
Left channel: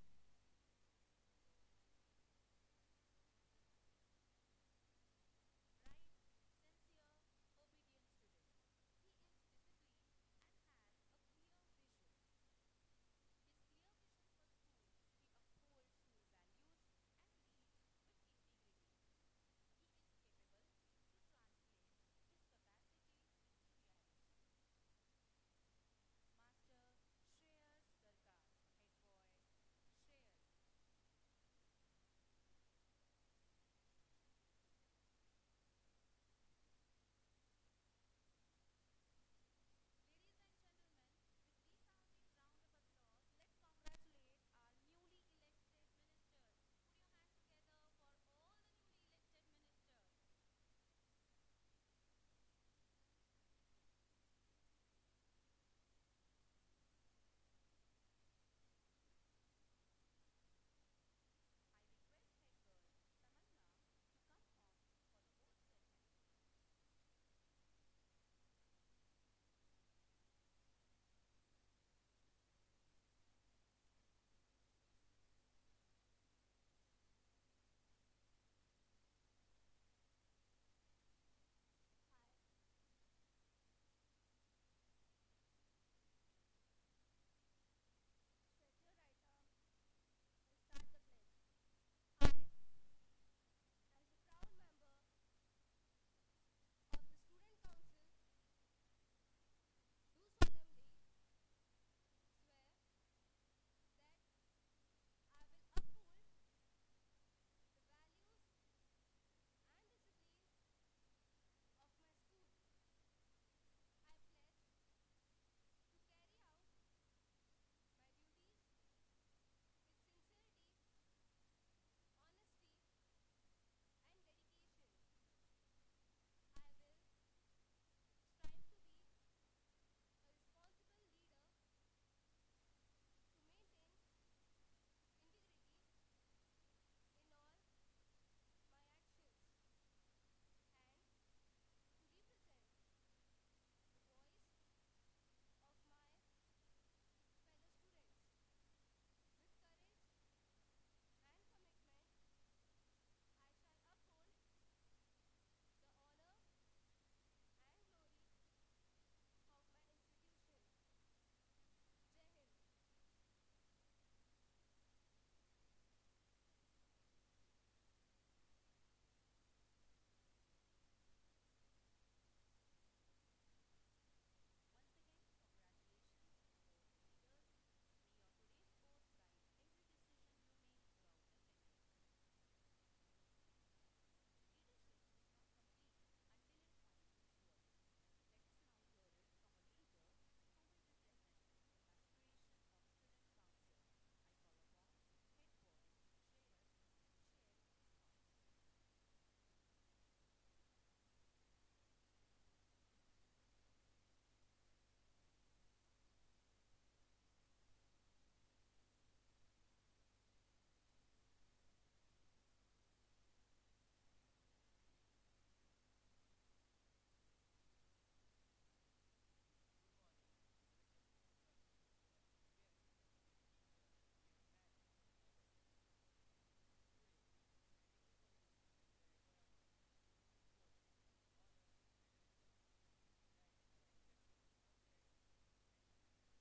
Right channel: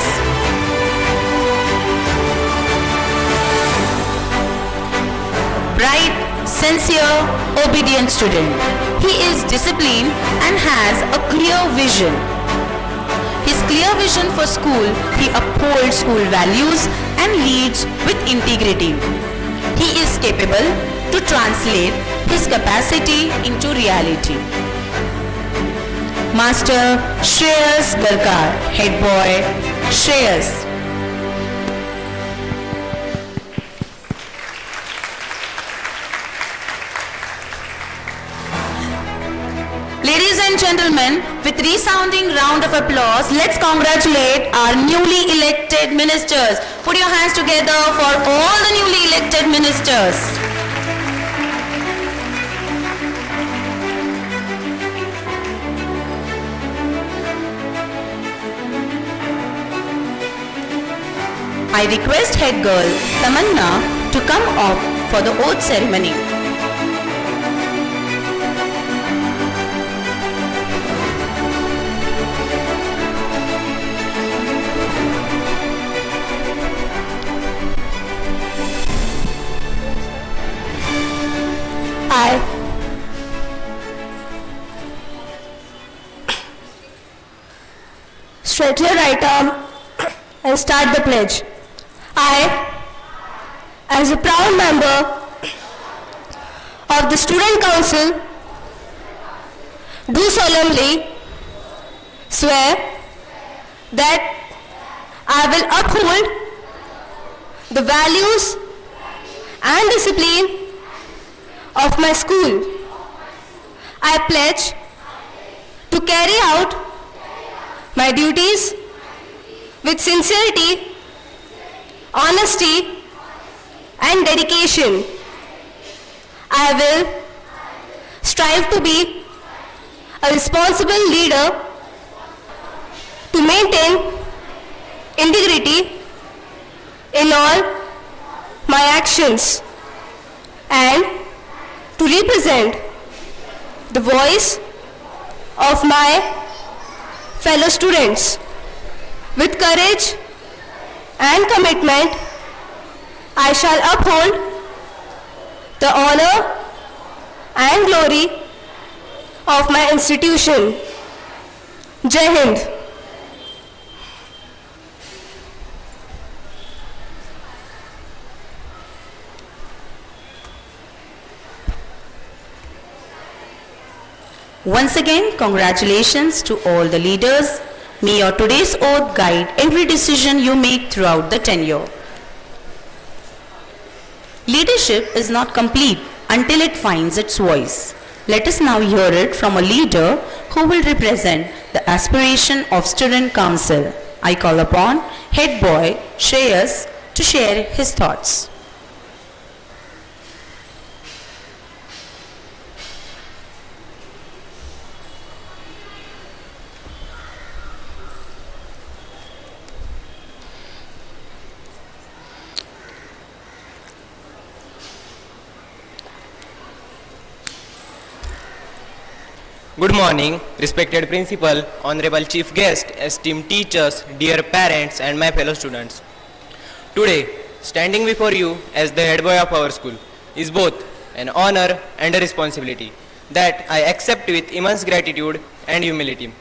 Bright, sincere, obedient student. He is disciplined and has a clear vision. His clear vision for school, he upholds school values and leads with integrity. He is capable to translate his capacity into reality. Master Shreyas Garkar, head boy Shreyas. Ladies and gentlemen, with resounding round of applause, let's congratulate our newly elected ministers. Put your hands together for all the newly elected ministers. I request head girl Tamanna to come up for the oath ceremony. I stretch your right arm and start the pledge. I, as a proud member of the Student Council, do solemnly swear that I will uphold the values and discipline of my school. I pledge to carry out my duties with sincerity, honesty, and dedication. I will strive to be a responsible leader to maintain integrity in all my actions and to represent the voice of my fellow students. With courage and commitment, I shall uphold the honor and glory of my institution. Jai Hind. Once again, congratulations to all the leaders. May your today's oath guide every decision you make throughout the tenure. Leadership is not complete until it finds its voice. Let us now hear it from a leader who will represent the aspiration of Student Council. I call upon Head Boy Shreyas to share his thoughts. Good morning, respected principal, honorable chief guest, esteemed teachers, dear parents and my fellow students. Today, standing before you as the head boy of our school is both an honor and a responsibility that I accept with immense gratitude and humility.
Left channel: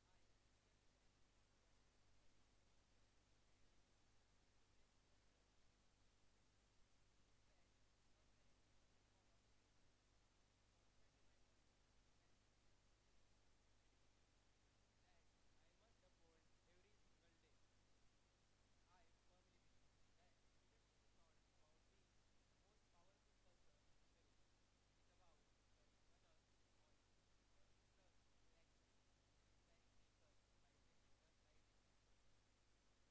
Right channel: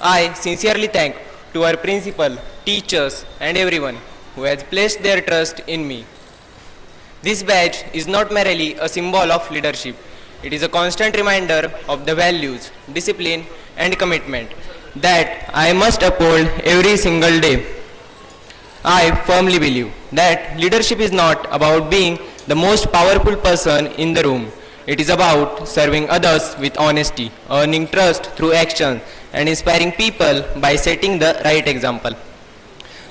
I sincerely thank to our principal, teachers and everyone who has placed their trust in me. This badge is not merely a symbol of leadership. It is a constant reminder of the values, discipline and commitment that I must uphold every single day. I firmly believe that leadership is not about being the most powerful person in the room. It is about serving others with honesty, earning trust through action and inspiring people by setting the right example.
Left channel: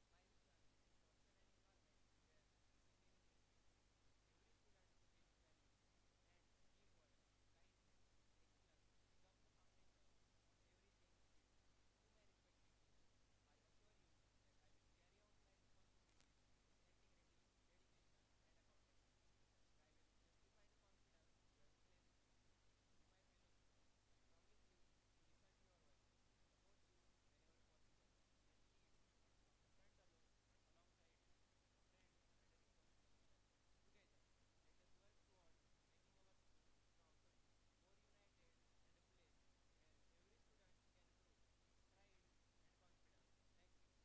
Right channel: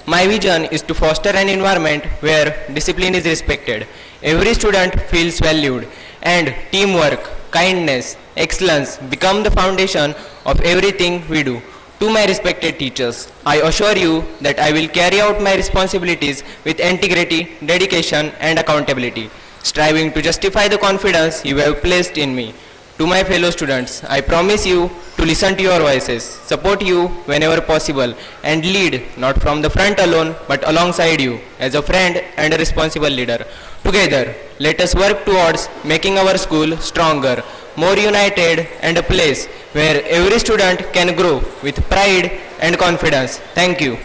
My vision is to foster an environment where discipline is respected, every student feels valued, and teamwork, kindness, excellence become the foundation of everything we do. To my respected teachers, I assure you that I will carry out my responsibilities with integrity, dedication, and accountability, striving to justify the confidence you have placed in me. To my fellow students, I promise you to listen to your voices, support you whenever possible, and lead not from the front alone but alongside you as a friend and a responsible leader. Together, let us work towards making our school stronger, more united, and a place where every student can grow with pride and confidence. Thank you.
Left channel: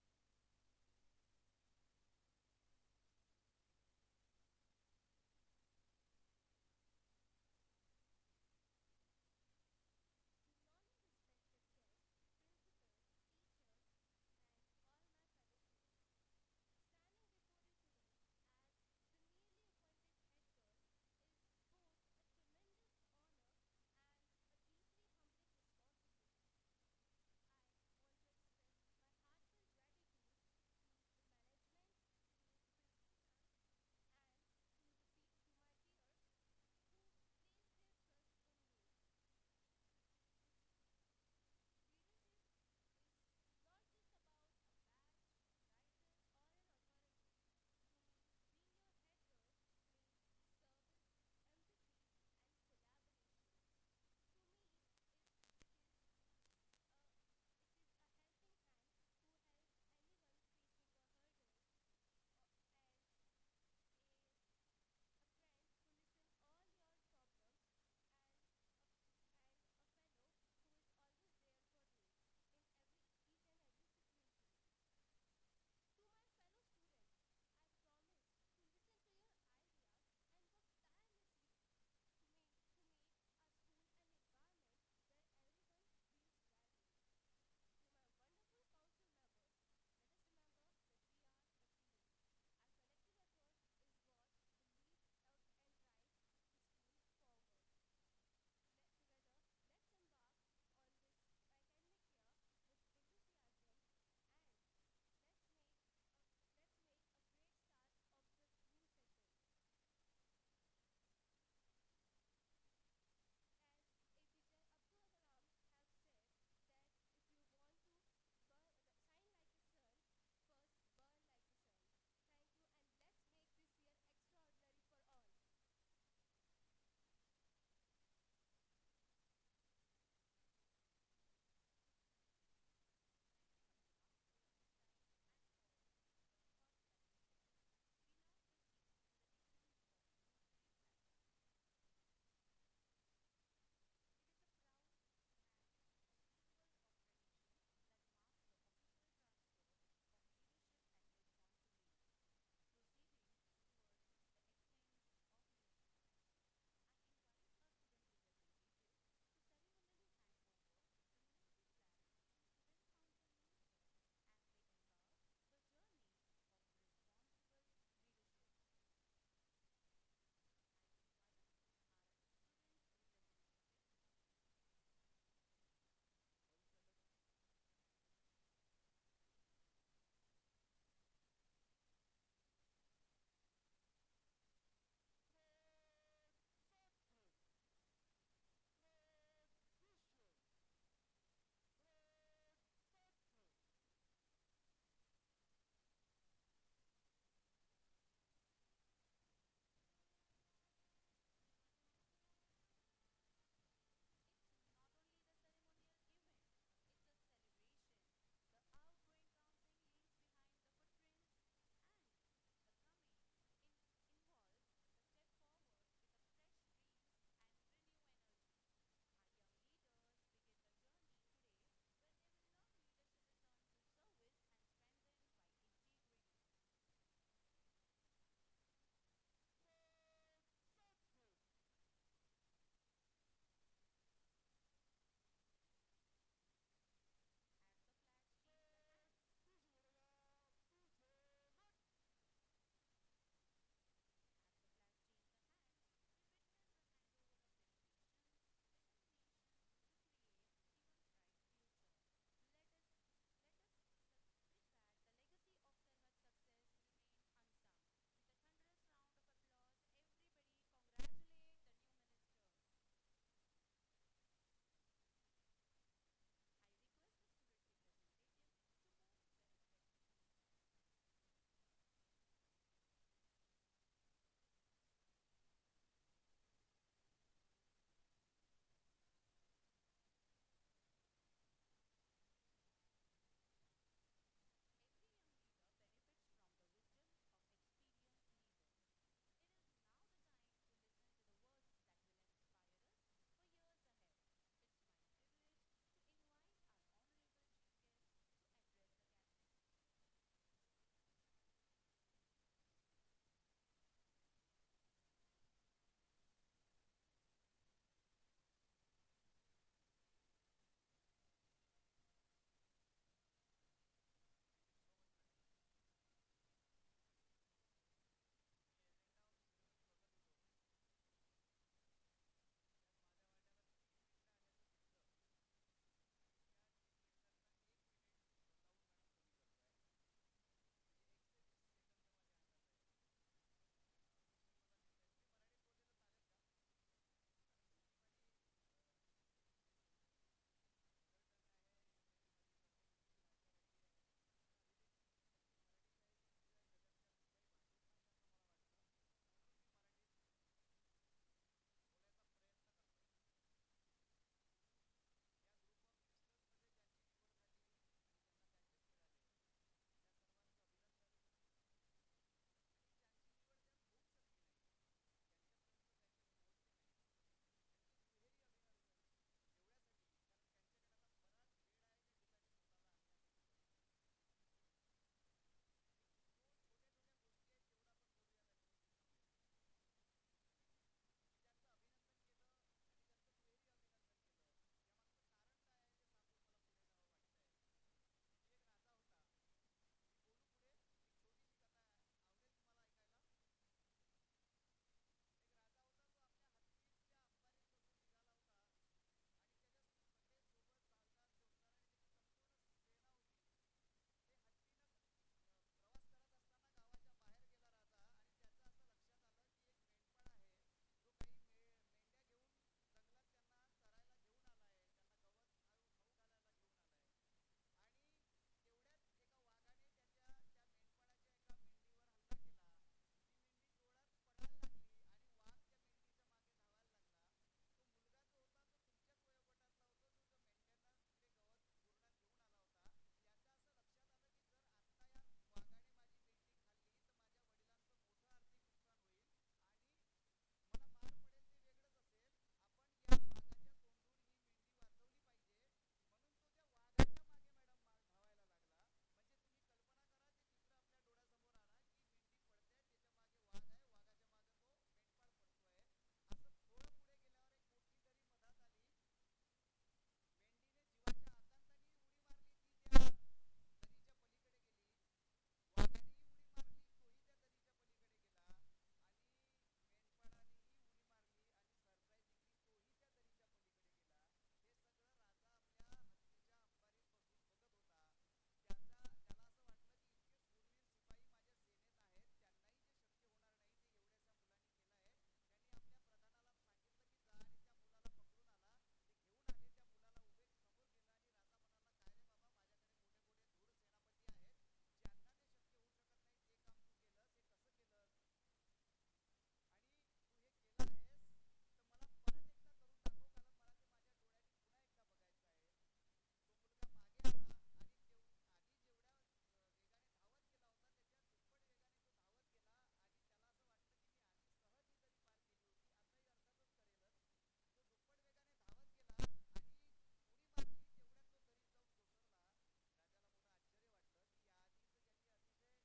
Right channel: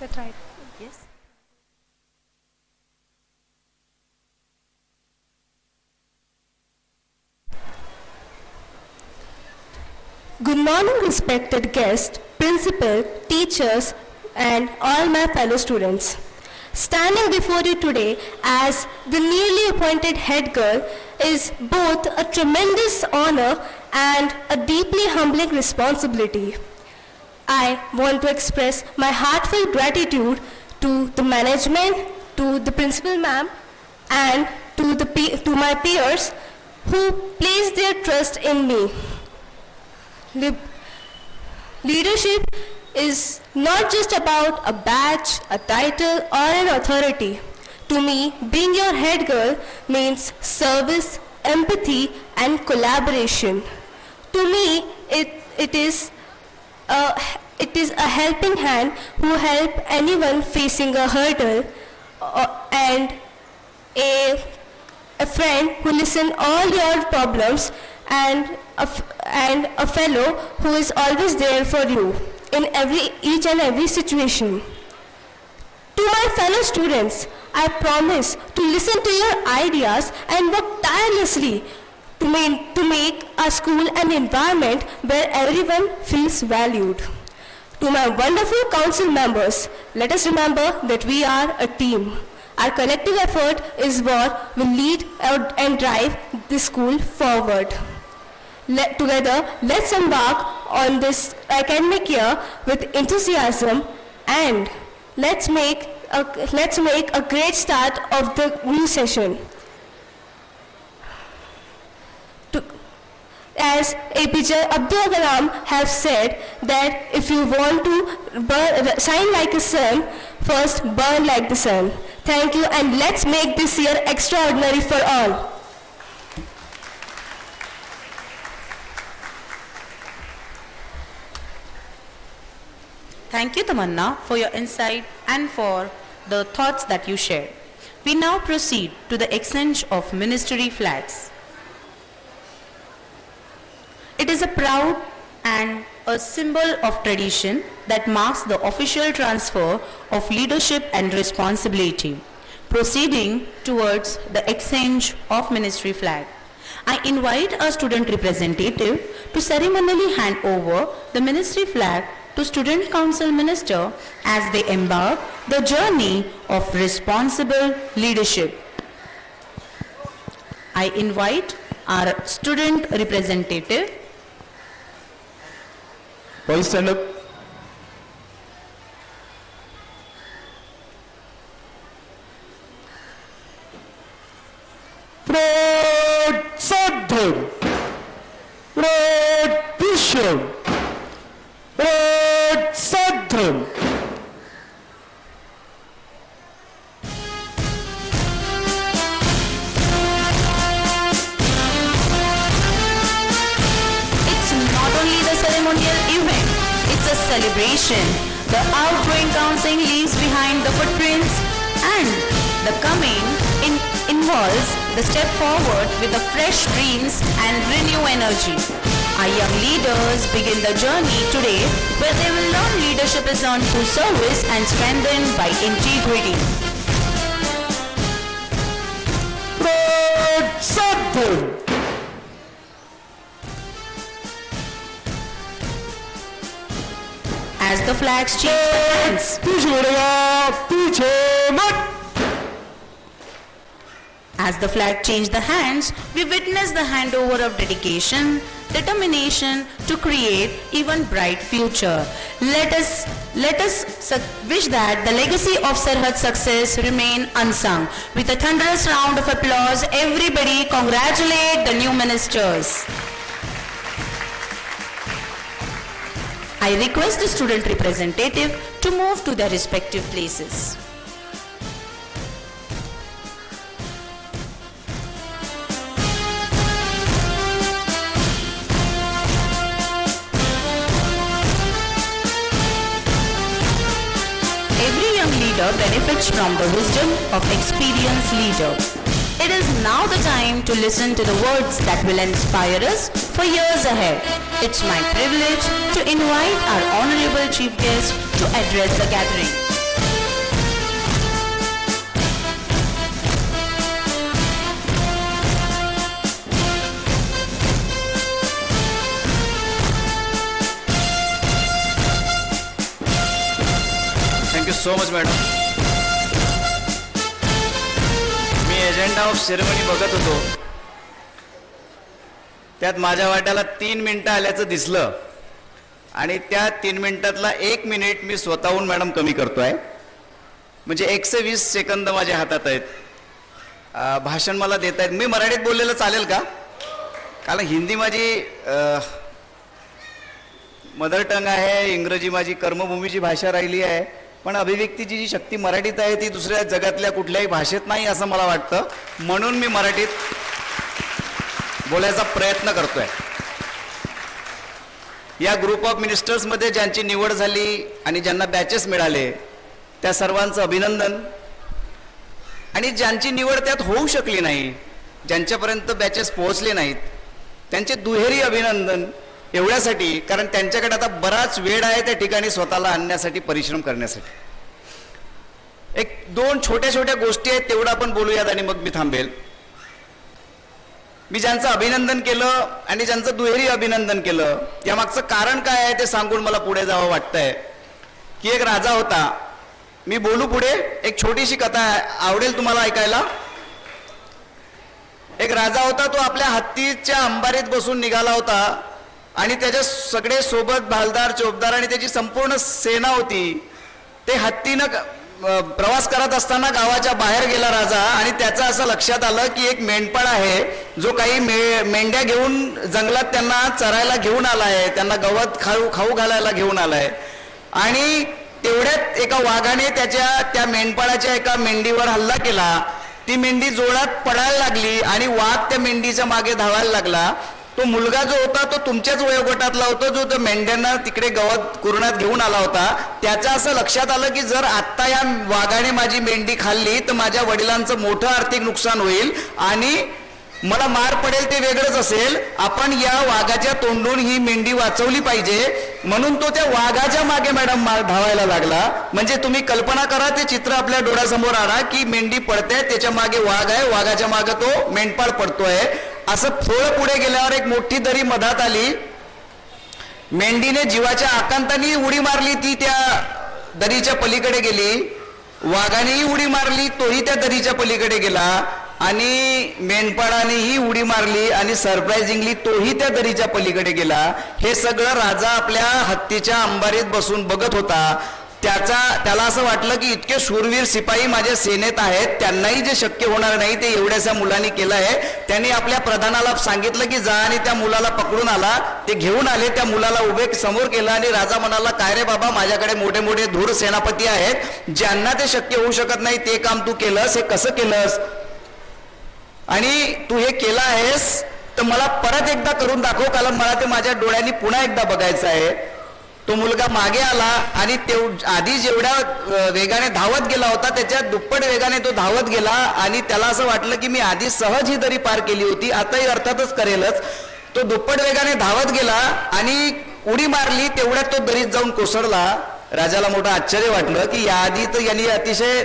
That's right. Yes. Good morning, respected guests, principal, teachers, and all my fellow students. Standing before you today as the newly appointed head girl is both a tremendous honor and a deeply humbling responsibility. I want to express my heartfelt gratitude to the management, to the principal ma'am, and to my peers who placed their trust in me. Leadership is not just about a badge, a title, or an authority. To me, being your head girl means service, empathy, and collaboration. To me, it is a helping hand who help anyone facing a hurdle, and a friend who listen all your problems, and a fellow who is always there for you in each and every situation. To my fellow students, I promise to listen to your ideas and work tirelessly to make our school an environment where everyone feels valued. To my wonderful council members, let us remember that we are a team. Our collective effort is what will lead and drive this school forward. Together, let's embark on this academic year with enthusiasm and let's make a great start of the new session. As APJ Abdul Kalam have said that if you want to shine like a sun, first burn like the sun. Thank you, and let's make this year extraordinary for all. Thank you, Tamanna, for your insight and for the thoughts that you shared. We now proceed to the exchange of ministry flags. It is a proud and a symbol of tradition that marks the official transfer of leadership and responsibility. Proceeding towards the exchange of ministry flag, I invite a student representative to ceremonially hand over the ministry flag to Student Council Minister as they embark the journey of responsible leadership. I invite our student representative. Boys, stand up. Sadhguru, Bishop, Sadhguru. It's not only the ceremonial event, it's a celebration. The outgoing council leaves behind the footprints and the coming involves the step forward with the fresh dreams and renew energy. Our young leaders begin the journey today where they will learn leadership is earned through service and strengthened by integrity. Sadhguru. As the flags change the hands, पीछे मुड़ेगा, पीछे मत. as the flag change the hands, we witness the handover of dedication, determination to create even bright future. Let us wish that the legacy of Sarhad success remain unsung. With a thunderous round of applause, everybody congratulate the new ministers. I request the student representative to move to their respective places. Every young leader benefits from the wisdom of experienced leader. It is now the time to listen to the words that will inspire us for years ahead. It's my privilege to invite our honorable chief guest to address the gathering. Thank you so much, madam. Me agenda of ceremony बघत होतो, त्यात माझ्या वाट्याला 3 मिनिटं आल्याचं दिसलं आणि त्या 3 मिनिटातला 1 मिनिट मी स्वतःहून मॅडम कमी करतोय. म्हणजे 120 सेकंद माझ्या हातात आहेत. भाषण मला देत आहेत. मी मराठीत बोललेलं चालेल का? कारण हिंदी माझी मदर टंग आहे, इंग्रजी माझी कर्मभूमीची भाषा राहिली आहे, पण अभिव्यक्तीची जी शक्ती मराठीत आहे ती दुसऱ्या जगातल्या कुठल्याही भाषेत नाही असं मला वाटतं. म्हणून मी मराठीत बोलायचा प्रयत्न करतोय. या ग्रुप ऑफ मिनिस्टर्समध्ये ज्यांची निवड झाली आणि ज्यांना बॅचेस मिळाले त्या सर्वांचं अभिनंदन. आणि ज्यांची निवड त्यात होऊ शकली नाही, ज्यांच्यापर्यंत बॅचेस पोहोचले नाहीत, त्यांचे दुहेरी अभिनंदन. एवढ्यासाठी कारण त्यांच्याकडे आता बराच वेळ आहे त्या ठिकाणी स्वतःला आणण्यासाठी, परिश्रम करण्यासाठी. 1-2 छोट्या छोट्या गोष्टी आहेत तेवढं आपण बोलूयात आणि मग मी थांबेल. मी ज्यांचं अभिनंदन केलं आणि ज्यांचं दुहेरी अभिनंदन केलं यामागचं कारण काय आहे ते सांगून मला पुढे जावं वाटतंय. की एक राजा होता. मी बोलू पुढे. एक छोटीशी कथा आहे, आवडेल तुम्हाला ऐकायला. एक राजा होता, तो आपल्या हत्तीच्या अंबारीत बसून निघाला होता आणि त्याच्या सगळे सोबत भालदार चोपदार आणि त्याची संपूर्ण सेना होती. ते हत्तीनं प्रवास करत असताना गावाच्या बाहेर गेला राजा आणि त्याचं असं लक्षात आलं की एक मेंढपाळ आहे जो काही मेंढ्या घेऊन जंगलात त्यांना चरायला घेऊन आलाय, त्यांना गवत खाऊ घालायला घेऊन आलाय. आणि तेवढ्यात एका वाघाने त्या मेंढपाळाच्या एका मेंढीवर हल्ला केला. ती मेंढी जोरात पडायला लागली आणि वाघ त्या मेंढीच्या मागे धावायला लागला. तो मुलगा जो होता तो तुमच्याच वयोगटातला होता, जो त्या मेंढ्यांना तिकडे गवत कुरणात घेऊन आला होता. त्याचं असं लक्षात आलं की जर आत्ता या वाघाने माझी मेंढी खाल्ली तर माझ्या वडिलांचं मोठं आर्थिक नुकसान होईल आणि मला मार पडेल ते वेगळंच असेल. आपण या वाघाच्या तोंडून ही मेंढी वाचवली पाहिजे, म्हणून तो त्या वाघाच्या मागे मॅडम धावायला लागला. म्हणजे तुम्ही कल्पना करा, ते चित्र आपल्या डोळ्यासमोर आणा की मेंढी पडते, त्याच्या मागे वाघ आहे, वाघाच्या मागे तो मेंढपाळ पडतोय. असं थोडं पुढे गेल्यावर एक मोठी दरी मधात आली. मेंढीने जीवाच्या आकांताने उडी मारली, ती त्या दरीच्या पलीकडे गेली. वाघानेही उडी मारली, तोही त्या दरीच्या पलीकडे गेला. आणि मेंढपाळानेही उडी मारली आणि सरप्राइझिंगली तोही त्या दरीच्या पलीकडे गेला. हे सगळं राजा आपल्या हत्तीच्या अंबारीत बसून बघत होता. त्याला असं वाटलं की इतके शूरवीर सिपाही माझ्या सेनेत आहेत, त्यांनाही जे शक्य होणार नाही ते एवढ्याशा मुलांनी केलं आहे. त्यांनी आपल्या प्रधानाला सांगितलं की जा आणि त्या मुलाला पकडून आला. ते घेऊन आले, त्या मुलाला उभे समोर केलं आणि राजा म्हणाला, काय रे बाबा, माझ्याकडे मोठे मोठे धूर सेनापती आहेत, ज्यांना ते शक्य होऊ शकत नाही ते काम तू केलंस, हे कसं केलंस? आणि तू हे केलं आहेस तर मला परत एकदा करून दाखव, कारण मला ते माझ्या डोळ्यांनी पुन्हा एकदा बघायचं आहे. तो मुलगा मागे आला आणि आधी जेवढ्या वेगाने धावत गेला होता त्याच्या दुप्पट वेगाने तो धावत गेला आणि त्याला असं वाटलं की मी आधी सहज ही दरी पार केली होती, आताही अर्थातच करेलच. तो दुप्पट वेगाने धावत गेला आणि उडी मारली, तेवढ्यात तो दरीत जाऊन कोसळला. राजाला मोठं आश्चर्य वाटलं की याआधी तर यांनी अतिशय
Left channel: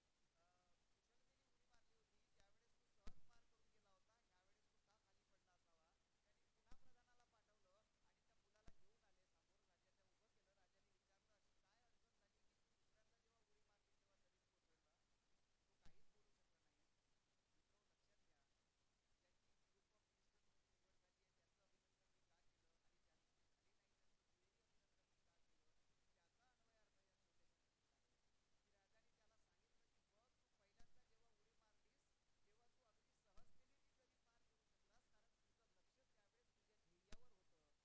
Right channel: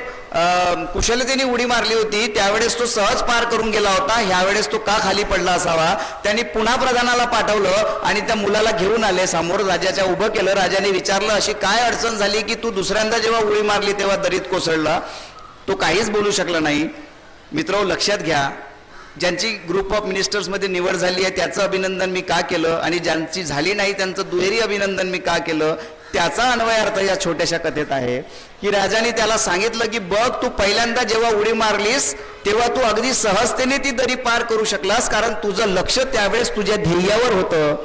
कुशलतेने उडी मारली होती, त्यावेळेस तो सहज पार करून गेला होता, ह्यावेळेस तो का खाली पडला असावा. त्यांनी पुन्हा प्रधानाला पाठवलं आणि त्या मुलाला घेऊन आले, समोर राजाच्या उभं केलं. राजाने विचारलं, अशी काय अडचण झाली की तू दुसऱ्यांदा जेव्हा उडी मारली तेव्हा दरीत कोसळला? तो काहीच बोलू शकला नाही. मित्र, लक्षात घ्या, ज्यांची ग्रुप ऑफ मिनिस्टर्समध्ये निवड झाली आहे त्याचं अभिनंदन मी का केलं आणि ज्यांची झाली नाही त्यांचं दुहेरी अभिनंदन मी का केलं, त्याचा अन्वय अर्थ या छोट्याशा कथेत आहे. की राजाने त्याला सांगितलं की बघ, तू पहिल्यांदा जेव्हा उडी मारलीस तेव्हा तू अगदी सहजतेने ती दरी पार करू शकलास, कारण तुझं लक्ष त्यावेळेस तुझ्या ध्येयावर होतं.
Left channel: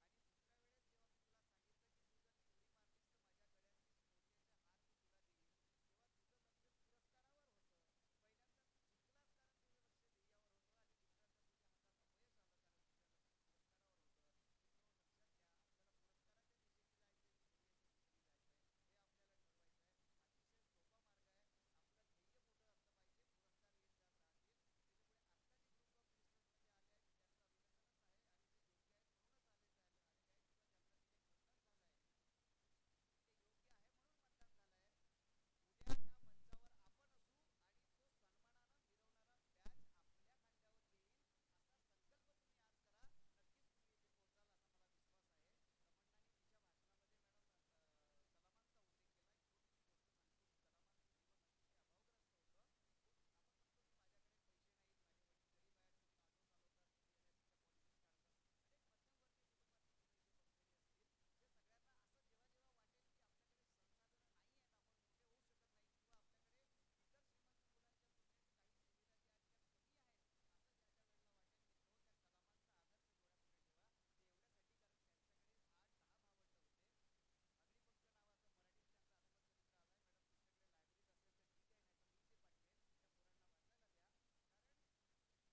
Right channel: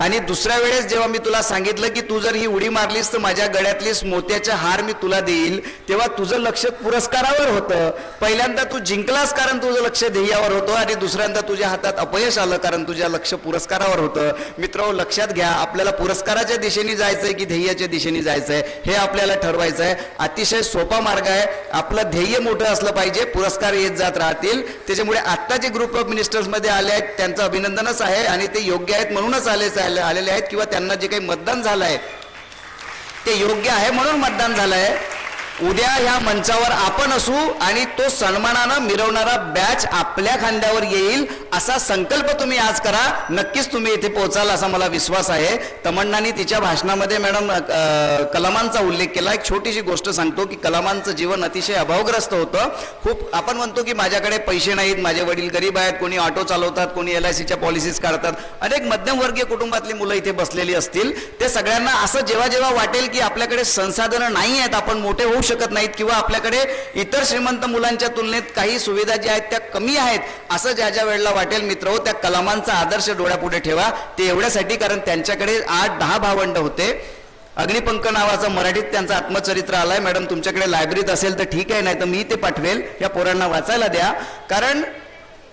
आणि दुसऱ्या वेळेस जेव्हा मी तुला सांगितलं की तू जर ही उडी मारलीस तर माझ्या गळ्यातली मोत्याचा हार मी तुला देईल, तेव्हा तुझं लक्ष पुरस्कारावर होतं. पहिल्यांदा तू जिंकलास कारण तुझं लक्ष ध्येयावर होतं आणि दुसऱ्यांदा तुझ्या हातात अपयश आलं कारण तुझ्या लक्ष पुरस्कारावर होतं. मित्रांनो, लक्षात घ्या, आपल्याला पुरस्काराच्या दिशेने जायचंय की ध्येयाच्या दिशेने जायचंय हे आपल्याला ठरवायचं आहे. अतिशय सोपा मार्ग आहे. आपलं ध्येय मोठं असलं पाहिजे, पुरस्कार येत जात राहतील. त्याच्यामुळे आत्ता जे ग्रुप ऑफ मिनिस्टर्समध्ये आले आहेत त्यांचं अभिनंदनच आहे आणि ते योग्य आहेत म्हणूनच आलेले आहेत, किंवा त्यांना जे काही मतदान झालंय ते योग्य आहे म्हणून मतदान झालंय. उद्या ह्या मंचावर आपण असू आणि तो सन्मानानं मिरवणारा बॅच आपल्या खांद्यावर येईल असा संकल्प तुम्ही आज करा. नक्कीच तुम्ही इथे पोहोचाल असा मला विश्वास आहे. तमन्नानी तिच्या भाषणामध्ये मॅडम कलामांचा उल्लेख केला. एक छोटीशी गोष्ट सांगतो की कलामांचं जीवन अतिशय अभावग्रस्त होतं. खूप आपण म्हणतो की माझ्याकडे पैसे नाहीत, माझे वडील गरीब आहेत, कोणी ऑटो चालवतात, कोणी LICच्या पॉलिसीज काढतात, अनेक मध्यमवर्गीय कुटुंबातली मुलं इथे बसलेली असतील. ते सगळ्यांना असं जेव्हा जेव्हा वाटेल की आपल्याकडे संसाधनं नाही आहेत, आपण मोठे होऊ शकत नाहीत, किंवा आपल्याकडे इतर श्रीमंत मुलांच्या तुलनेत काही सुविधा ज्या आहेत त्या कमी आहेत, असं ज्या ज्या वेळेला वाटेल मित्र, त्या कलामांचा आदर्श डोळ्यापुढे ठेवा. ते एवढ्यासाठी कारण त्यांच्याकडे 8-10 भावंड होते. अग्निपंख नावाचं मराठीत त्यांचं आत्मचरित्र आलंय. मॅडम तुमच्याकडे लायब्ररीत असेल तर ठीक आहे, नाही तर मी ते पाठवेल. या पोरांना वाचायला द्या, कारण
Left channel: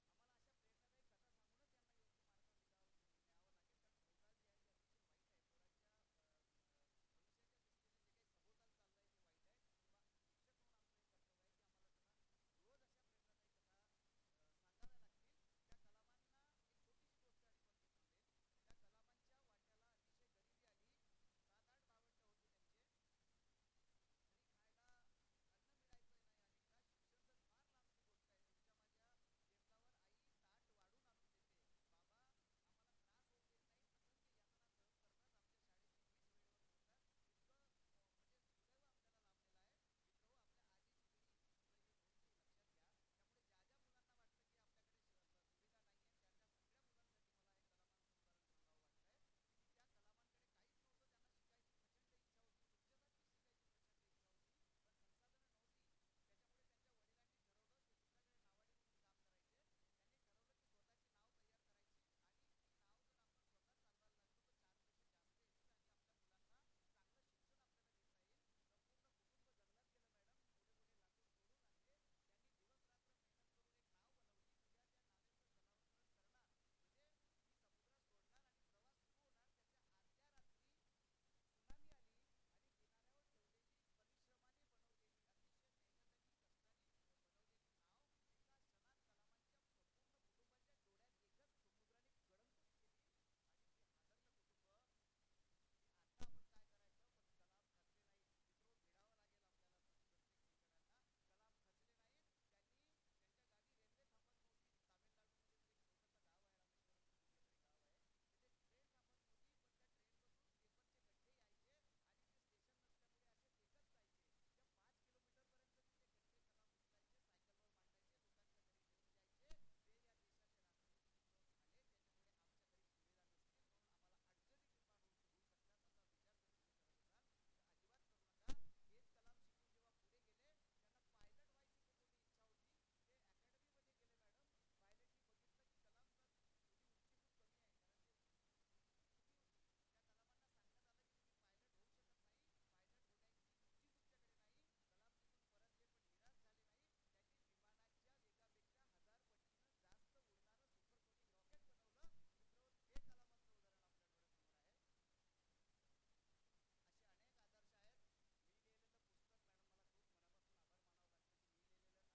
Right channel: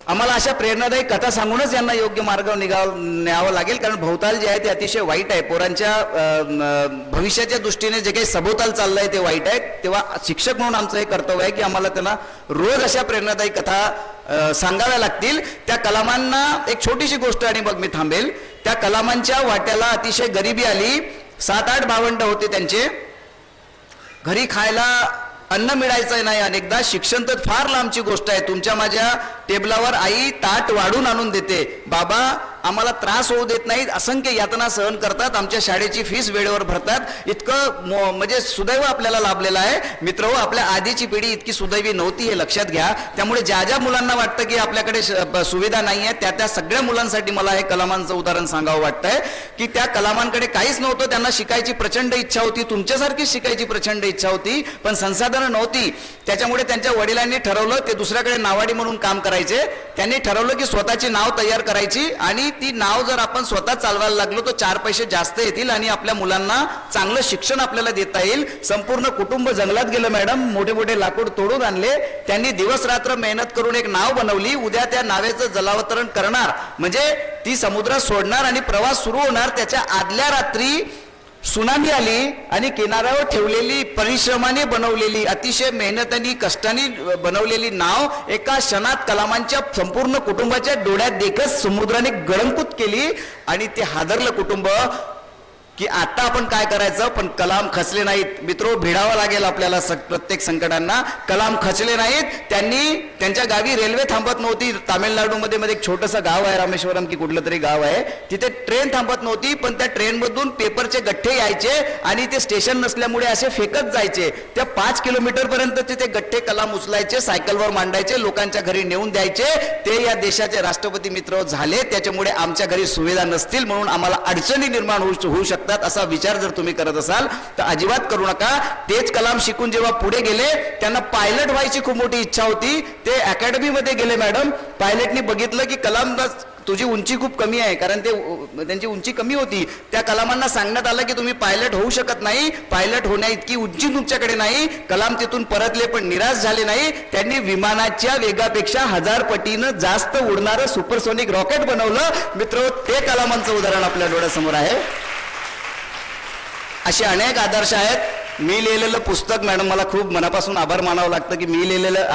आम्हाला अशा प्रेरणादायी कथा सांगूनच यांना योग्य मार्गावर न्यावं लागेल. कारण भोवताल जे आहे ते अतिशय वाईट आहे. पोरांच्या भविष्याच्या दृष्टीने जे काही सभोवताल चाललंय ते वाईट आहे. तेव्हा शिक्षक म्हणून आमचं हे कर्तव्य आहे की आम्हाला त्यांना रोज अशा प्रेरणादायी कथा सांगाव्या लागतील. त्या कलामांना एक छोटीशी गोष्ट आणि मग मी थांबेल. त्या कलामांच्या वाट्याला अतिशय गरिबी आली. 7-8 भावंड होते त्यांचे. घरी खायला अन्न मिळायचं नाही. अनेकदा शिक्षण तर फार लांबची गोष्ट आहे. तुमच्या माझ्या टेबलावर आई ताट वाढून आणून देते, बाबा आम्हाला त्रास होऊ देत नाहीत, असंख्य यातना सहन करतात, आमच्या शाळेची फीस वेळेवर भरतात. इतकं म्हणजे सुदैव आपल्याला लाभलेलं आहे. मित्रहो, आपल्या आधीची पिढी इतकी सुदैवी नव्हती, हे लक्षात घ्या. त्यामुळे ज्या ज्या मुलांना वाटतं की आपल्याकडे सुविधा नाही आहे, त्या सगळ्या मुलांसाठी मला हे कलामांचं उदाहरण सांगावं वाटतंय की त्या कलामांकडे काहीच नव्हतं, त्यांना शिकायची प्रचंड इच्छा होती, तुमच्यासारखीच शिकायची प्रचंड इच्छा होती, पण संसाधनं नव्हती. त्याच्यामुळे त्यांच्या वडिलांनी ठरवलं ते दुसऱ्याकडे नावाडी म्हणून काम करायचे. त्यांनी ठरवलं की स्वतःची नाव तयार करायची आणि ती नाव जर आपण स्वतः चालवायला लागलो तर 4 पैसे जास्त येतील आणि आपल्या मुलांना चांगलं शिक्षण आपल्याला देता येईल. संपूर्ण कुटुंब जंगलात गेलं मॅडम, मोठे मोठे लाकूड तोडून आणले, त्यांनी दिवस रात्र मेहनत करून एक नाव बनवली. उद्या त्या नावेचं जलावतरण करणार म्हणजे ती समुद्रात सोडणार आणि प्रवास सुरू होणार. त्याच्या आदल्या रात्री सुनामी आली आणि किनाऱ्यावर ठेवलेली, परिश्रमाने बनवलेली, अतिशय मेहनतीने कष्टाने बनवलेली नाव एका क्षणात कलामांच्या संपूर्ण कुटुंबाच्या डोळ्यात देखत समुद्राने गळंकृत केली. आणि ते हादरलं कुटुंब की आता आपण काय करायचं. पण कलाम खचले नाहीत. मित्रो, भिडावं लागेल आपल्याला प्रत्येक संकटांना. कलाम खचले नाहीत. त्यांनी त्यांच्या गावी रेल्वे थांबत नव्हती. तामिळनाडूमध्ये एक छोटंसं गाव आहे, रामेश्वरम की कुठलं तरी गाव आहे, तिथे ट्रेन थांबत नव्हती, पण त्या ट्रेनमधून पेपरचे गठ्ठे यायचे आणि ते स्टेशन नसल्यामुळे असे फेकत जायचे. त्या 5 किलोमीटर पर्यंत ते गठ्ठे कलाम उचलायचे, सायकलवर मांडायचे, लोकांच्या घरी नेऊन द्यायचे. ते या देशाचे राष्ट्रपती मित्र झाले. त्याच्यामुळे आमच्या घरी सुविधा नसतील म्हणून आम्हाला अडचणी निर्माण होऊ शकतात असा विचार जर तुम्ही करत असाल तर अजिबात करू नका. तेच कलाम शिकून जेव्हा पुढे गेले, त्यांना पायलट व्हायची खूप मोठी इच्छा होती. ते अकॅडमी मध्ये गेले मॅडम. पायलटनी बघितलं की कलाम, तुझी उंची खूप कमी आहे, कारण त्यांची उंची कमी होती. त्या कलामांना सांगण्यात आलं की तुम्ही पायलट होऊ शकत नाही, पायलट होण्या इतकी उंची तुमच्याकडे नाही. कलाम तिथून परतले पण निराश झाले नाही. त्यांनी विमानाच्या वेगापेक्षा 1000 पटीनं जास्त उडणारं सुपरसोनिक रॉकेट बनवलं. मित्र, ते कलामांचं उदाहरण आपल्या डोळ्यासमोर आहे. असे अनेक आदर्श आहेत. मी लिहिलेलं पुस्तक, मॅडम मला खूप मनापासून आभार मानावं लागतं की मी लिहिलेलं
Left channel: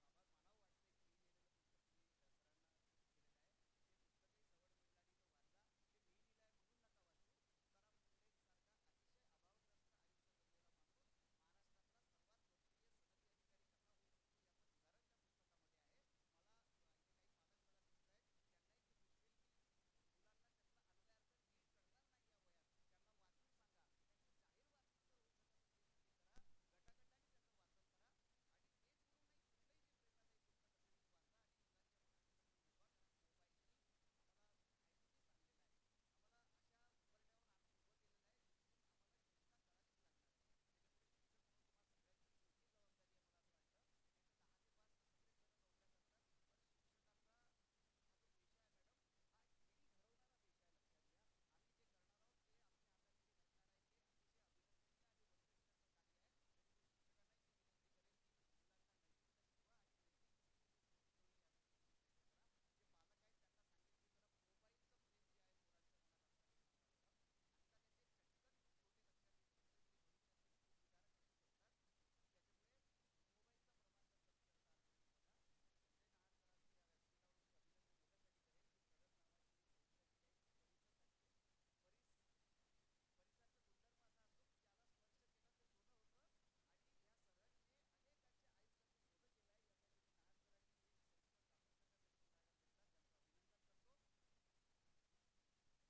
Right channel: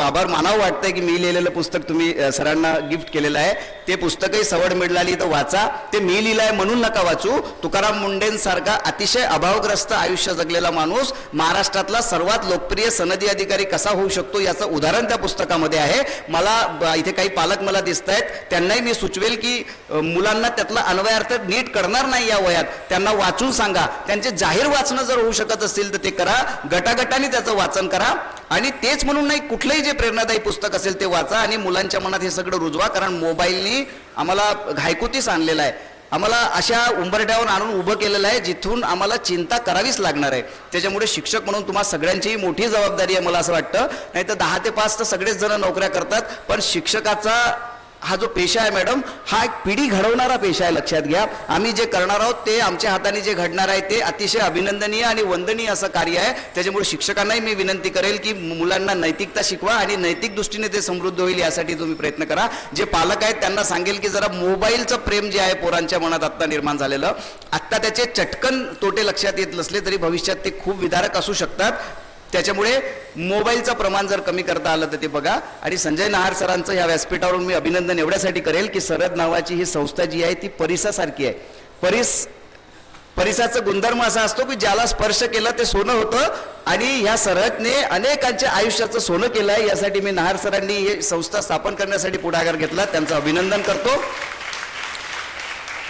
आभार मानावं वाटतंय की मी लिहिलेलं पुस्तक तुम्ही सरांना गिफ्ट केलेलं आहे. ते पुस्तकही सवड मिळाली तर वाचा. ते मी लिहिलं आहे म्हणून नका वाचू. तुकाराम मुंडेंसारखा अतिशय अभावग्रस्त आयुष्य जगलेला माणूस महाराष्ट्रातला सर्वात लोकप्रिय सनदी अधिकारी कसा होऊ शकतो याचं उदाहरण त्या पुस्तकामध्ये आहे. मला इथे काही पालक मला दिसत आहेत, त्यांनाही मी सुचवेल की मुलांना त्यातला अन्वयार्थ नीट करणार नाही या वयात, त्यांना वाचून सांगा. त्यांचे जाहीर वाचणं जर होऊ शकत असेल तर ते करा, गटागटाने त्याचं वाचन करा. आणि तेच म्हणून नाही, कुठलंही जे प्रेरणादायी पुस्तक असेल ते वाचा आणि मुलांच्या मनात हे सगळं रुजवा. कारण मोबाईलनी आम्हाला घायकुतीस आणलेला आहे, आम्हाला अशा उंबरठ्यावर आणून उभं केलेलं आहे जिथून आम्हाला चिंता करावीच लागणार आहे. त्याच्यामुळे शिक्षक म्हणून तुम्हा सगळ्यांचीही मोठी जबाबदारी आहे मला असं वाटतं. नाही तर 10 ते 5 तर सगळेच जण नोकऱ्या करतात, पण शिक्षकाचा हा जो पेशा आहे मॅडम, हा एक पिढी घडवणारा पेशा आहे. लक्षात घ्या, आम्ही जे करणार आहोत ते आमच्या हाताने जे घडणार आहे ते अतिशय अभिनंदनीय आणि वंदनीय असं कार्य आहे. त्याच्यामुळे शिक्षकांनाही मी विनंती करेल की मुलांना नैतिकता शिकवा आणि नैतिक दृष्टीने ते समृद्ध होईल यासाठी तुम्ही प्रयत्न करा. जे पालक आहेत त्यांना सांगेल की जरा मोबाईलचं प्रेम जे आहे पोरांच्या मनात आत्ता निर्माण झालेलं, आत्ता त्याचे चटकन तोटे लक्षात येत नसले तरी भविष्यात ते खूप विदारक असू शकतात. त्याच्यामुळे मोबाईलचं प्रमाण जर कमी करता आलं तर ते बघा. आणि संजय नहार सरांचं ह्या व्यासपीठावरून मी अभिनंदन एवढ्यासाठी करेल की सरद नावाची ही संस्था जी आहे ती परिसासारखी आहे. परिसाचा गुणधर्म असा असतो की ज्याला स्पर्श केला ते सोनं होतं आणि ह्या सरदने अनेकांच्या आयुष्याचं सोनं केलं आहे. यासाठी मी नहार सरांनी ही संस्था स्थापन करण्यासाठी पुढाकार घेतला, त्यांचं अभिनंदन करतो.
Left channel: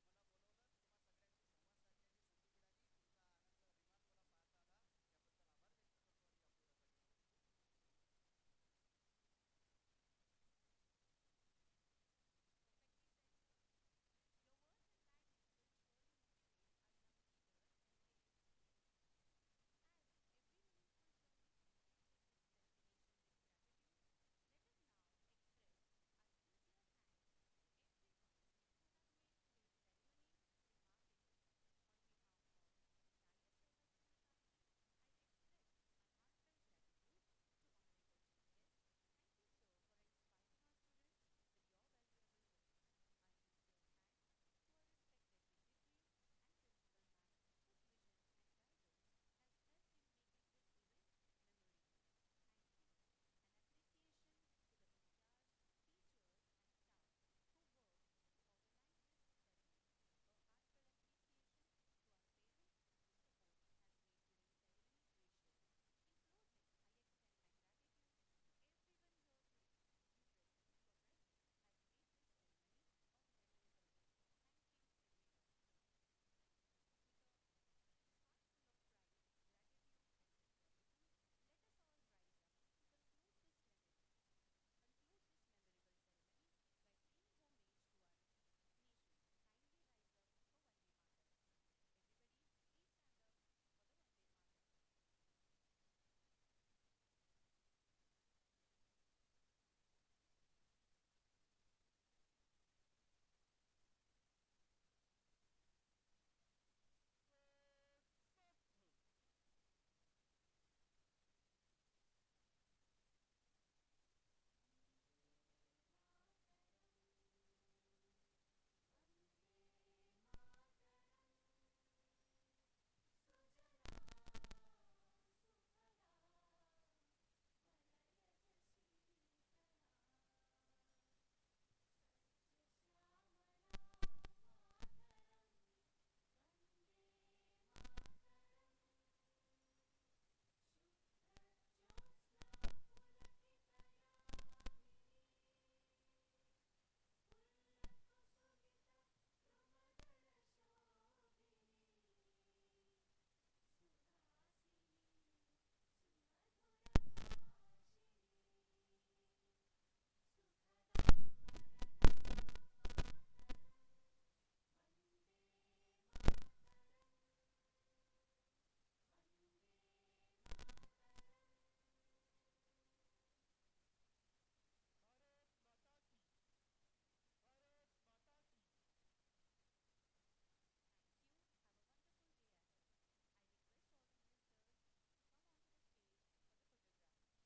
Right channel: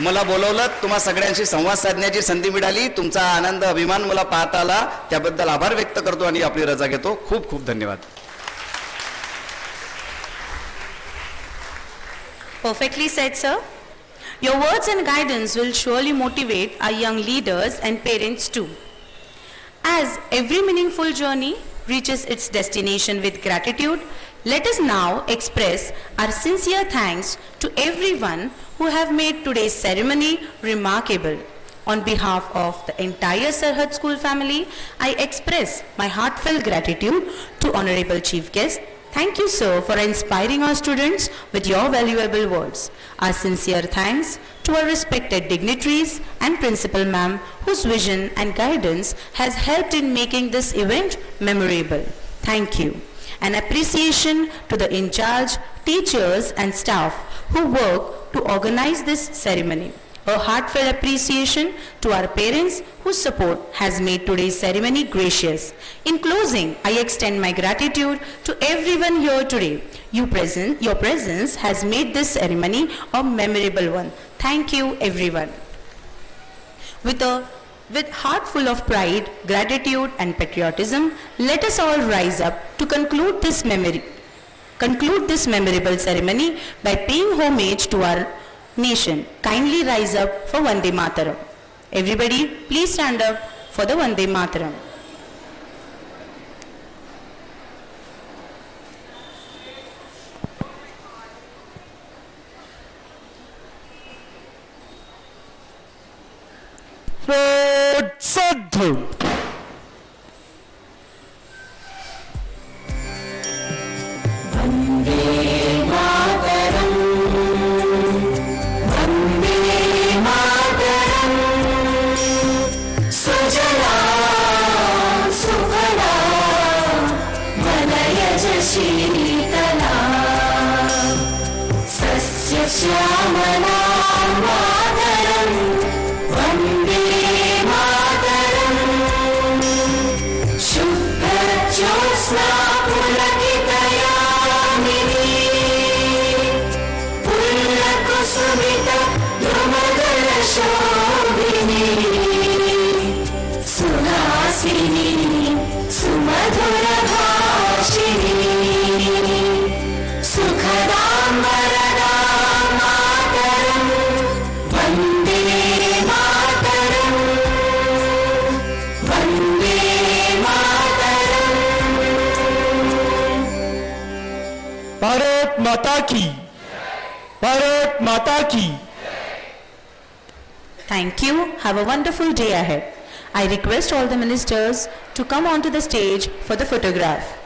मला बोलवलं, तुम्हा सगळ्यांशी संवाद साधण्याची संधी मिळाली, तुमचा आनंद अभिमान मला पाहता आला, त्याबद्दल आभार व्यक्त करतो आणि आपली रजा घेतो. खूप खूप धन्यवाद. Perfectly said, sir. Your words and guidance will surely motivate our young leaders and parents too. As every meaningful journey reaches its destination with gratitude, let us now express our sincere thanks to everyone who have made today's ceremony remarkable. On behalf of the entire Sarhad School family, I express my heartfelt gratitude to Honorable Chief Guest. Thank you, sir, for inspiring our students with your valuable words. Our sincere thanks to our respected dignitaries and Principal Ma'am, whose vision and guidance has helped in making this event memorable. Thank you. An appreciation to the in-charge teachers and staff who work to organize this ceremony. A heartfelt appreciation to our parents whose support has made today's ceremony gracious. In closing, I extend my gratitude to everyone here today. Your presence has made this ceremony a memorable one. Thank you, everyone. With heart full of pride, gratitude and patriotism, let us all rise up to conclude this memorable ceremony by paying homage to our nation. Kindly rise up for Vande Mataram. Everybody, please stand up for the Vande Mataram. Sadhu. Bharat माता की, भारत माता की. Thank you. Have a wonderful day ahead. I request all the ministers to come onto the stage for the photograph.